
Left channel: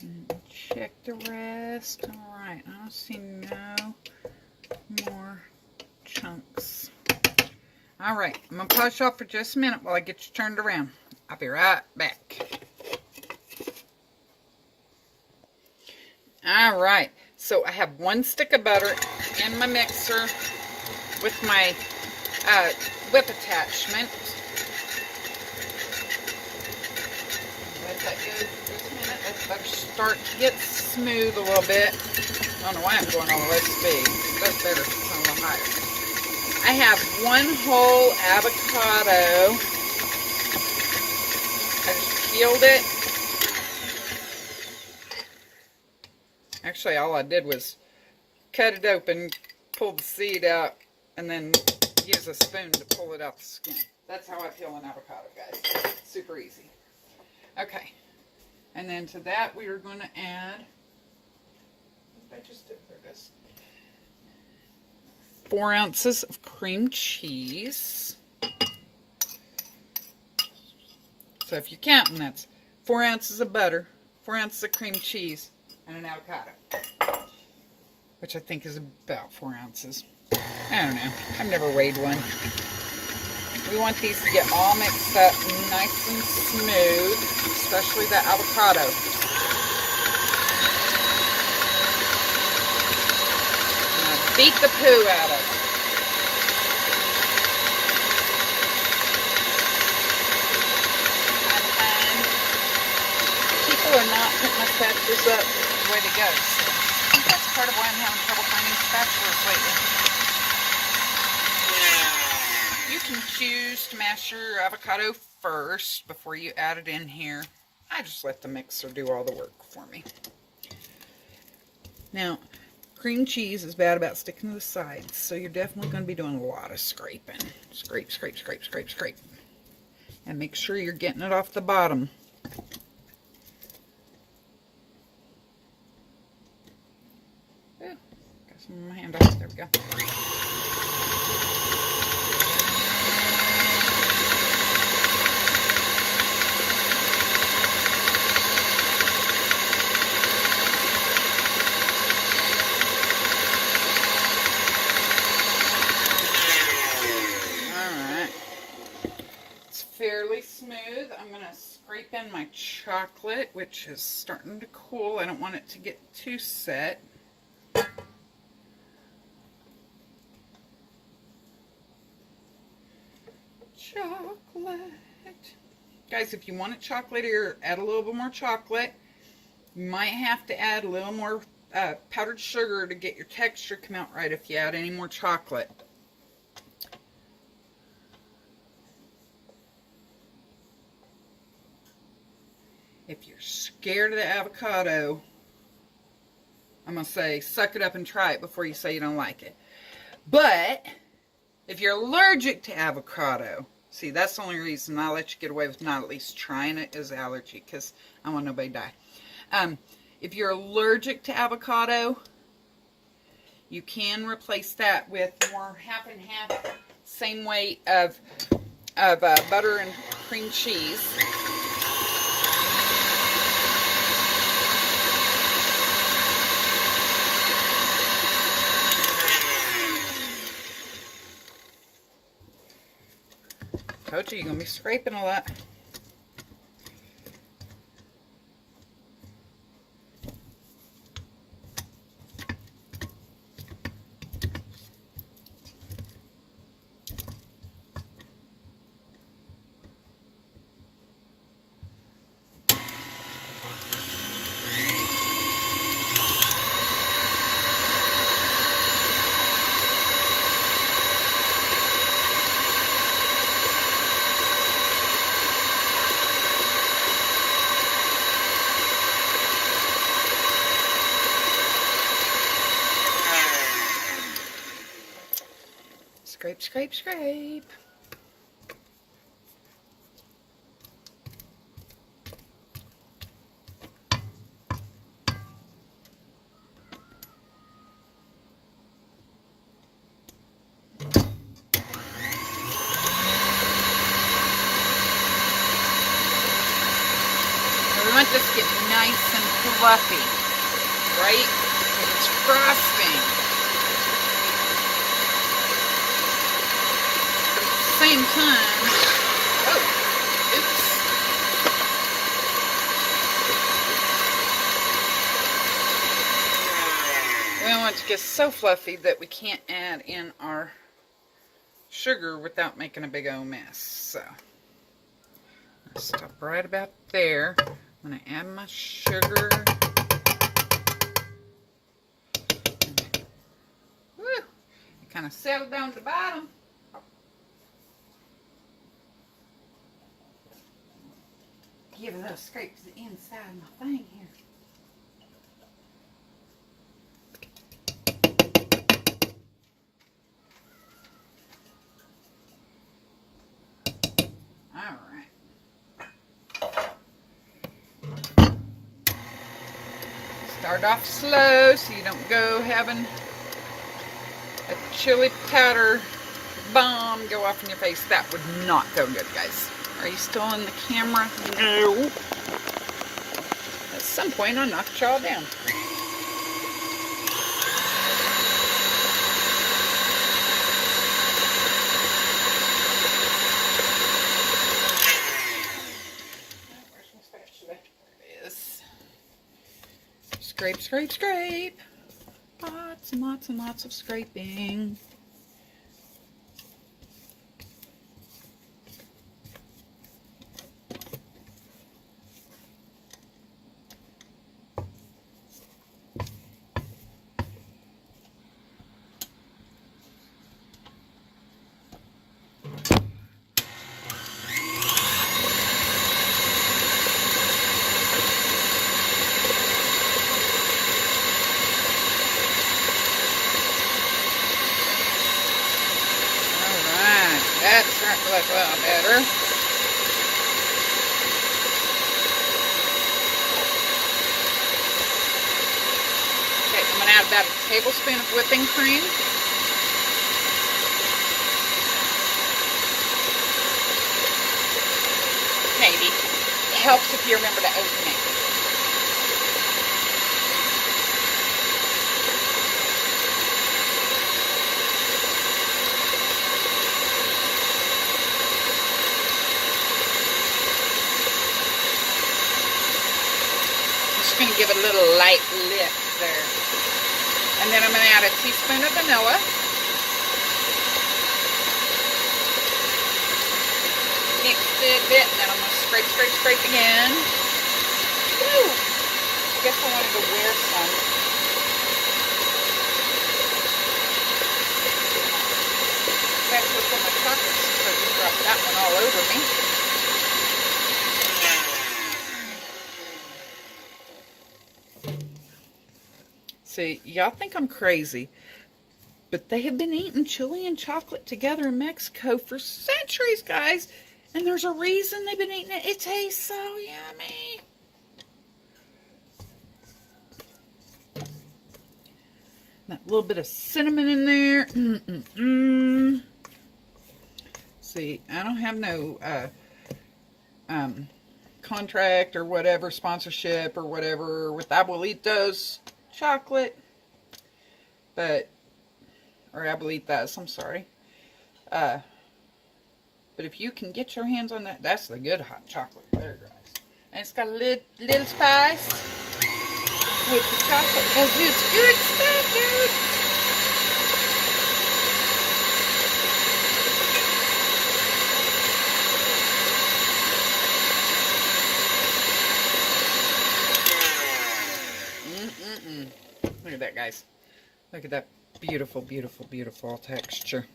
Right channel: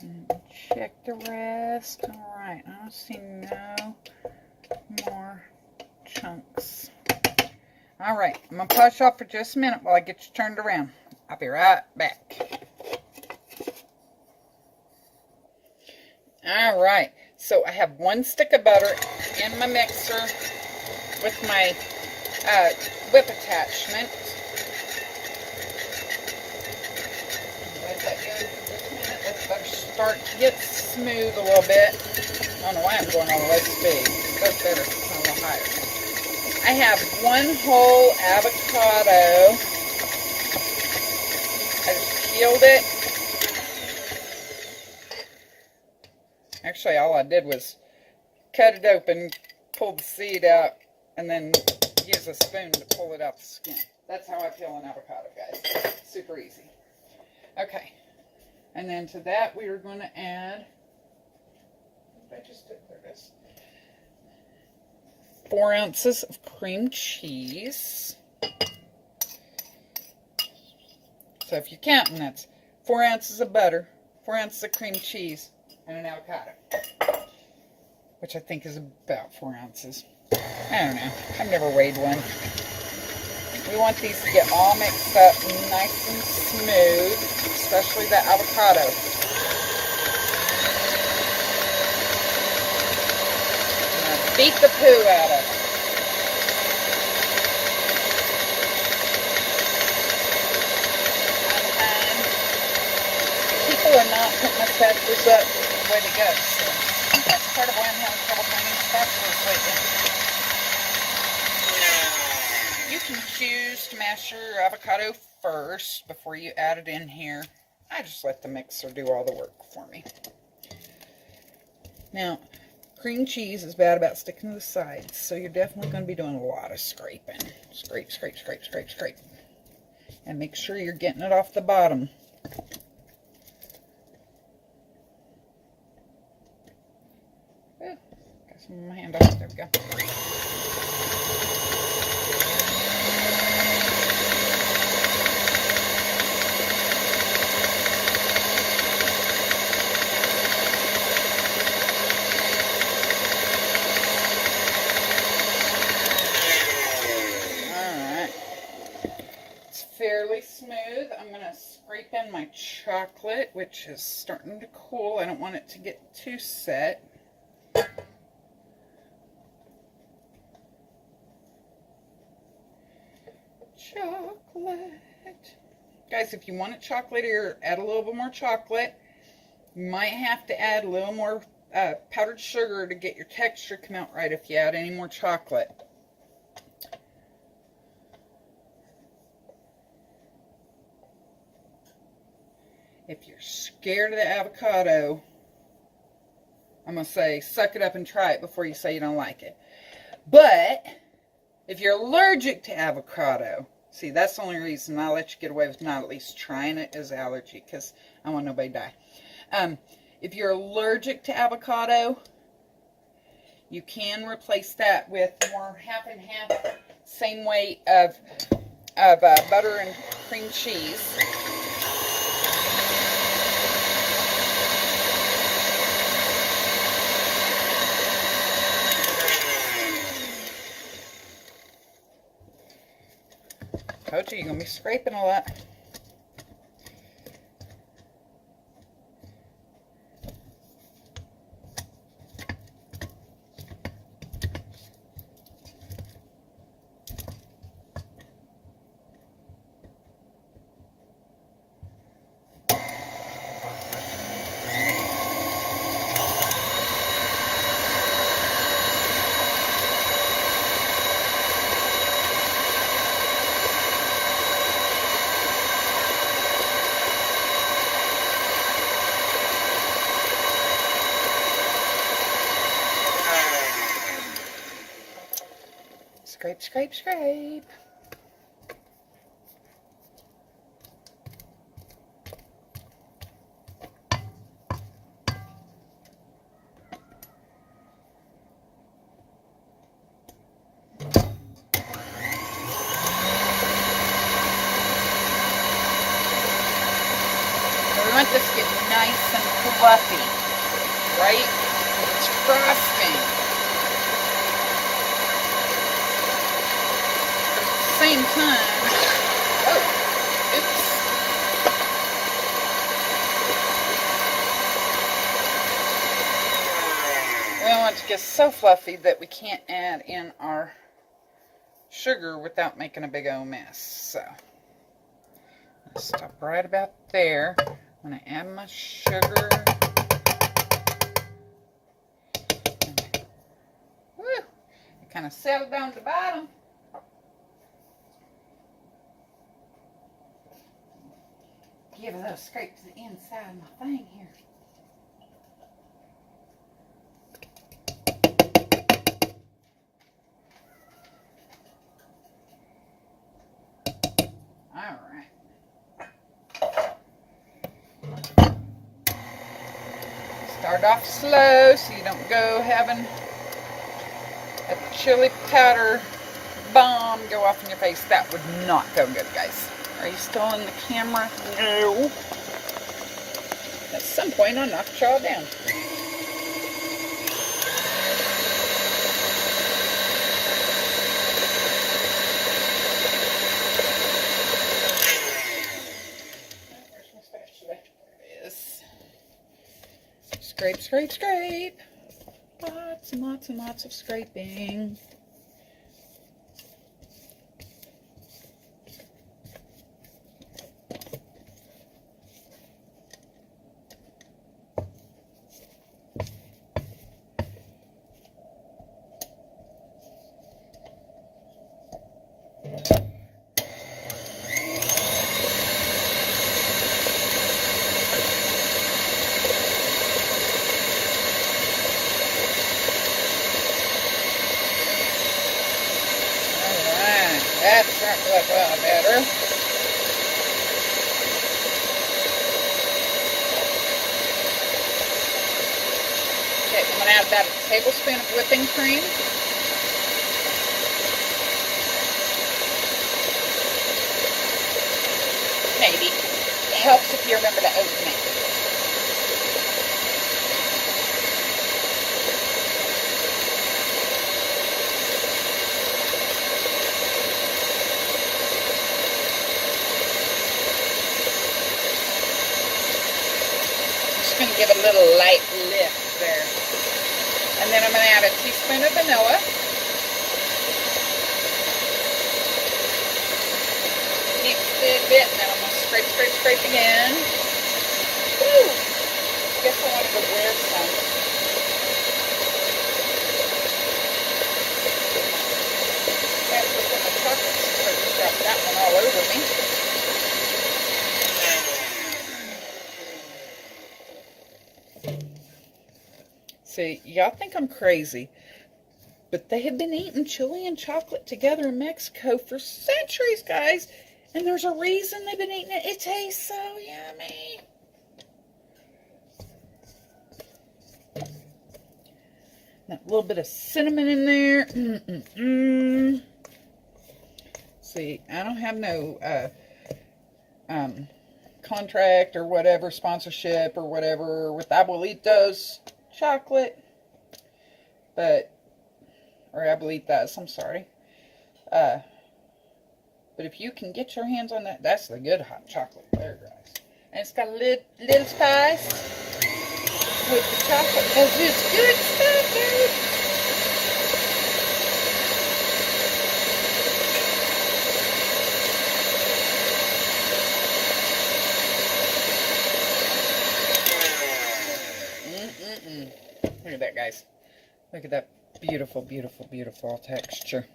And check the rest. Alright, I don't see no more chunks. Alright, I'm going to pause off for just a minute while I get you turned around. I'll be right back. Alright, so I have 1 stick of butter in my mixer with my whip attachment. Let that go for just a minute. Let the butter start to get smooth a little bit. I don't know why I'm going all this speed. That's better. It's a little higher. I have 1 whole avocado. I just peeled it. Actually, all I did was cut it open, pull the seed out, and then use a spoon to pull it out the skin. That's how I peel an avocado, guys. Super easy. Okay. And then to that, we are going to add, what did I just do? There it is. 4 ounces of cream cheese. So if you're counting, that's 4 ounces of butter, 4 ounces of cream cheese, and an avocado, which I think is about 4 ounces. I don't know. I've never weighed one. We want these to get all mixed up nice and smooth, especially the avocado. I'm going to beat the poo out of it. People are not putting my spatulas up way to go. So I think that's part of why I'm having trouble finding spatulas lately. You can choose to mash your avocado first before you add it in here. I just let the mixer do all the work for me. Now, cream cheese is bad about sticking to the sides, so you're definitely going to be doing a lot of scraping. Scrape, scrape, scrape, scrape, scrape. And make sure you're getting it off the bottom. My hand off. There we go. Alright. It's fairly smooth. I'm going to scrape in my chocolate, which is starting to cool. I don't want it to get too set. Chocolate. Guys, if you want it chocolatier, add a little bit more chocolate. You might have to add a little more powdered sugar to get your texture come out right if you add any more chocolate. If you're scared of the avocado, I'm going to say suck it up and try it before you say you don't like it. But if you're allergic to avocado, see, that's the only reason I'll let you get away with not at least trying it is allergy, because I want nobody to die. If you're allergic to avocado, you can replace that with more half and half, same weight of butter and cream cheese. Told you, you're going to be scraping a lot. Scrape, scrape, scrape. We want this to get nice and fluffy, right? It's frosting. But at the same time, oh, oops. We don't want it to get so fluffy that we can't add in our sugar without making a big old mess. So, I'll stop right about there. I'm going to add my sugar. Woo! It kind of settled down to the bottom. Give a little scrape to the inside of my thing here. Alright. Start off slow so you don't go having a chili powder bomb go off in your face. That would not go good, guys. Are you still in the camera? No. At some point, I'll knock y'all down. Where's my spatula? There it is. Scrape, scrape, scrape. Lots and lots and lots of scraping. That's starting to look a little better. Okay, I'm going to add about a tablespoon of whipping cream. Maybe. It helps if you remember to open it. Going to give it a little light lift there. And then I'm going to add a teaspoon of vanilla. Mix it a bit, and then I'm going to scrape, scrape, scrape again. Woo! I guess I want to go wear some. That's just what the chocolate so I just dropped that one all over me. See, y'all think I'm crazy, but they have been eating chili and chocolate together in Mexico for centuries, guys, and there's a reason they've been eating it. It tastes so yummy. That little bit of cinnamon in there. See, I don't have no contract or whatever, sponsorship or whatever with Abuelitos chocolate, but, or Abuelitas, I'm sorry. But if you can get your hands on that, that's the good hot chocolate there, guys. And it's got a little spice with the chocolate as it's good standard. Look at that, guys. Look at that beautiful, beautiful, beautiful texture.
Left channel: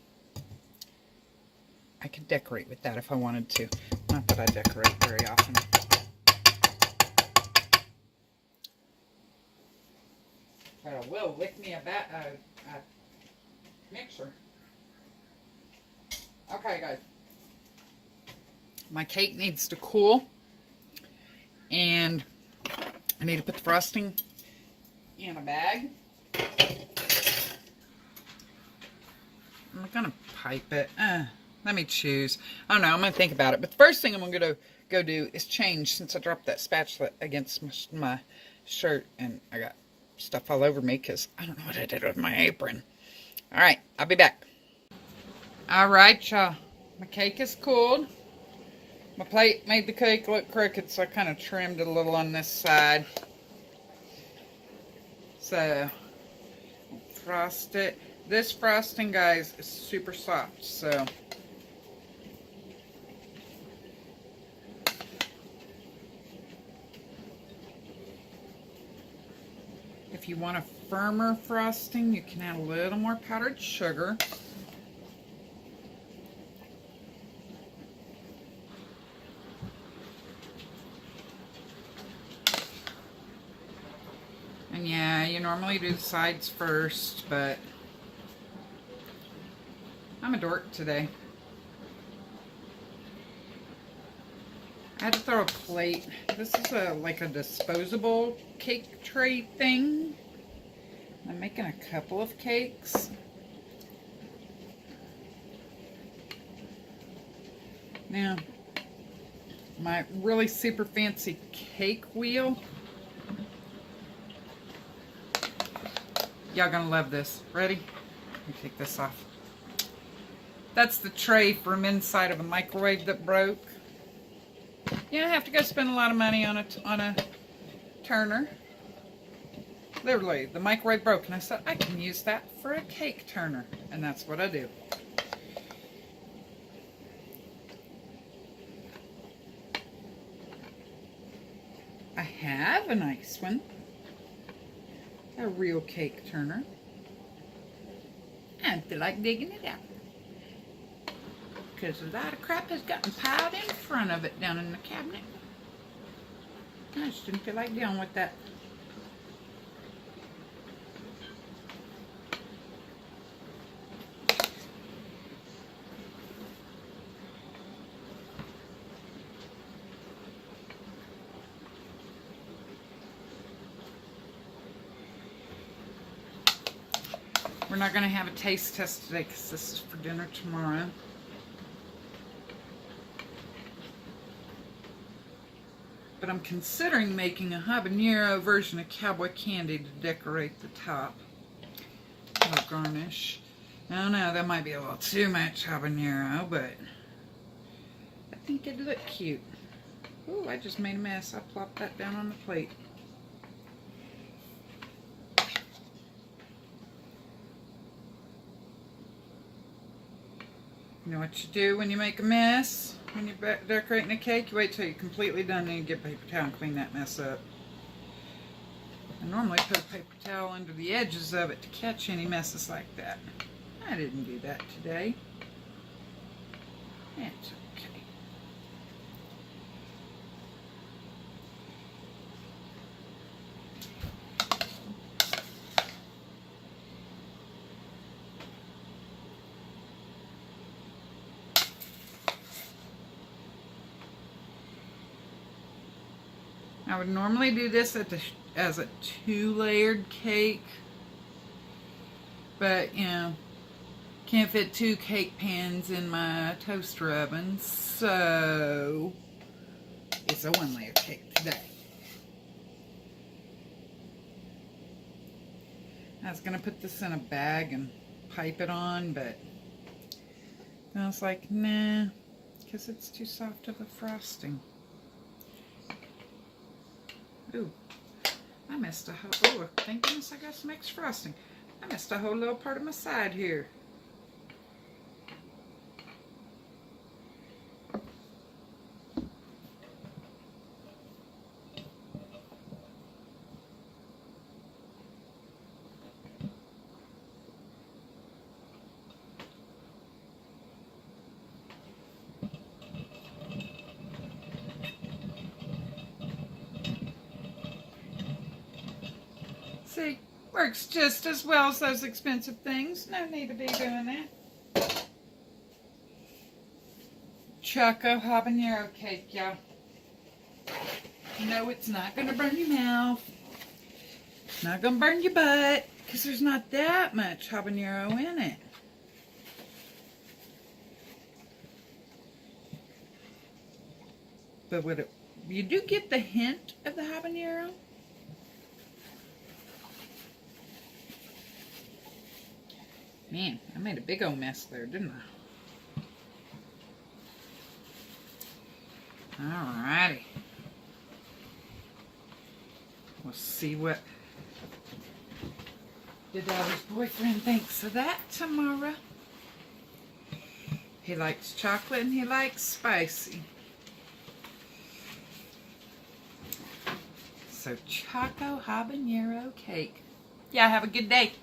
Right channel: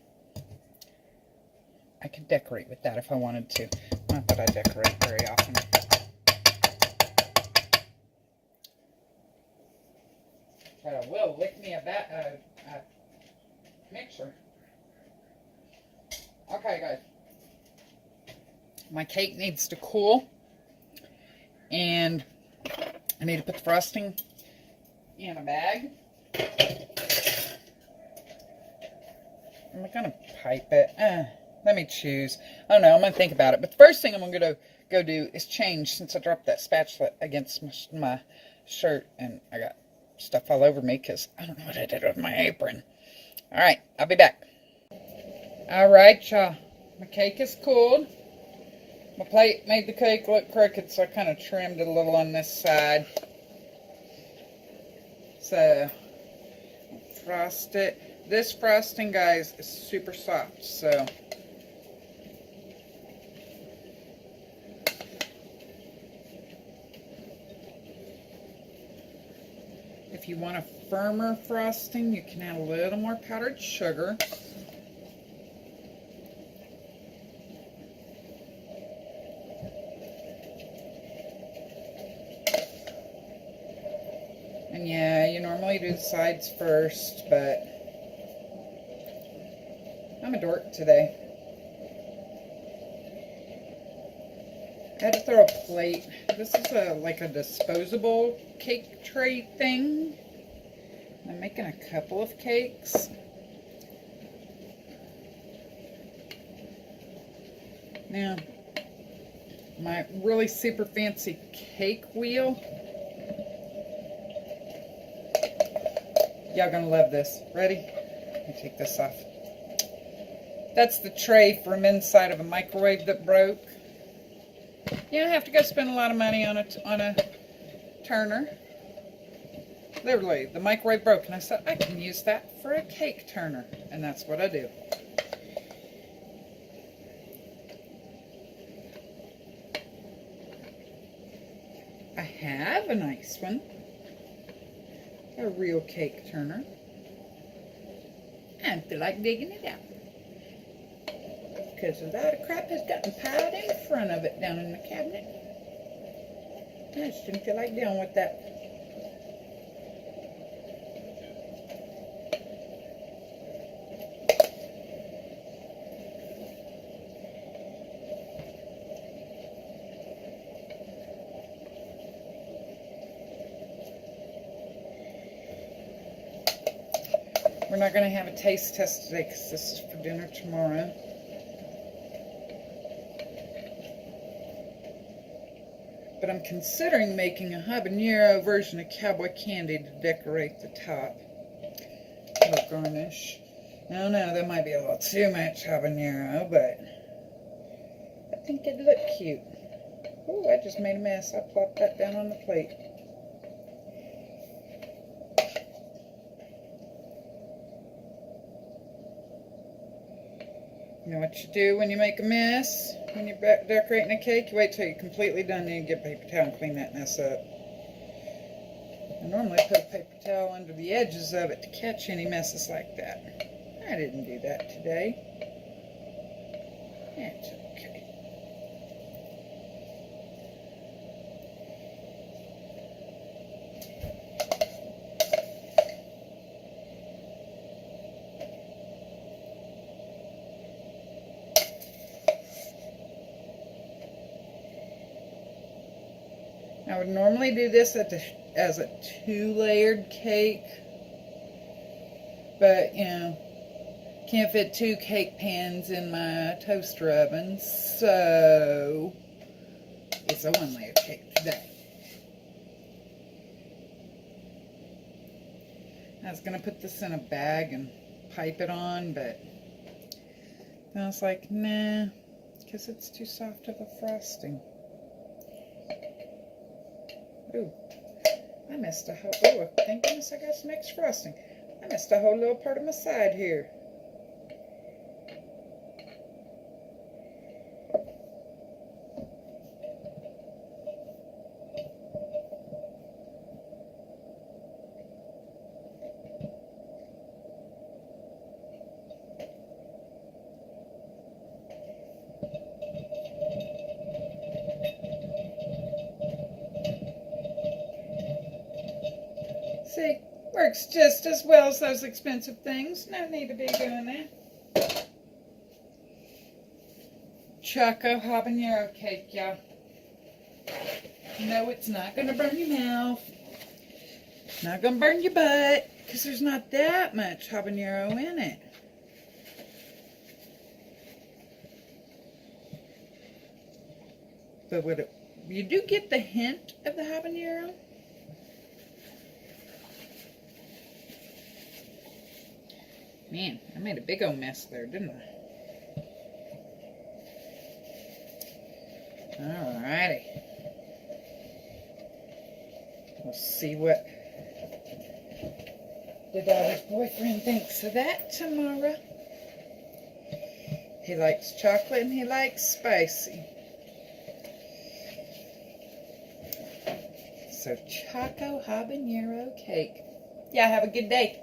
I could decorate with that if I wanted to. Not that I decorate very often. But I will lick me a mixer. Okay, guys. My cake needs to cool. And I need to put the frosting in a bag. And my gonna pipe it. Let me choose. I don't know. I'm gonna think about it. But the first thing I'm gonna go do is change, since I dropped that spatula against my shirt and I got stuff all over me because I don't know what I did with my apron. All right, I'll be back. All right, y'all. My cake is cooled. My plate made the cake look crooked, so I kind of trimmed it a little on this side. So, frost it. This frosting, guys, is super soft, so if you want a firmer frosting, you can add a little more powdered sugar. And yeah, you normally do the sides first, but I'm a dork today. I had to throw a plate. This is like a disposable cake tray thing. I'm making a couple of cakes. Now, my really super fancy cake wheel. Y'all gonna love this. Ready? Let me take this off. That's the tray from inside of a microwave that broke. You don't have to go spend a lot of money on a turner. Literally, the microwave broke, and I said, I can use that for a cake turner. And that's what I do. I have a nice one. A real cake turner. I feel like digging it out. Because a lot of crap has gotten piled in front of it down in the cabinet. I just didn't feel like dealing with that. We're not going to have a taste test today because this is for dinner tomorrow. But I'm considering making a habanero version of cowboy candy to decorate the top. A garnish. I don't know, that might be a little too much habanero, but I think it'd look cute. Ooh, I just made a mess. I plopped that down on the plate. You know what you do when you make a mess? When you're decorating a cake, you wait till you're completely done, then you get a paper towel and clean that mess up. I normally put a paper towel under the edges of it to catch any messes like that. I didn't do that today. It's okay. I would normally do this as a 2-layered cake, but you know, can't fit 2 cake pans in my toaster oven, so it's a 1-layer cake today. I was going to put this in a bag and pipe it on, but I was like, nah, because it's too soft of a frosting. Ooh, I missed a whole, oh, thank goodness I got some mixed frosting. I missed a whole little part of my side here. See, works just as well as those expensive things. No need to be doing that. Choco habanero cake, y'all. No, it's not going to burn your mouth. It's not going to burn your butt, because there's not that much habanero in it. but you do get the hint of the habanero. Man, I made a big old mess there, didn't I? Alrighty. We'll see what the daughter's boyfriend thinks of that tomorrow. He likes chocolate and he likes spicy. So, Choco Habanero Cake. Yeah, have a good day.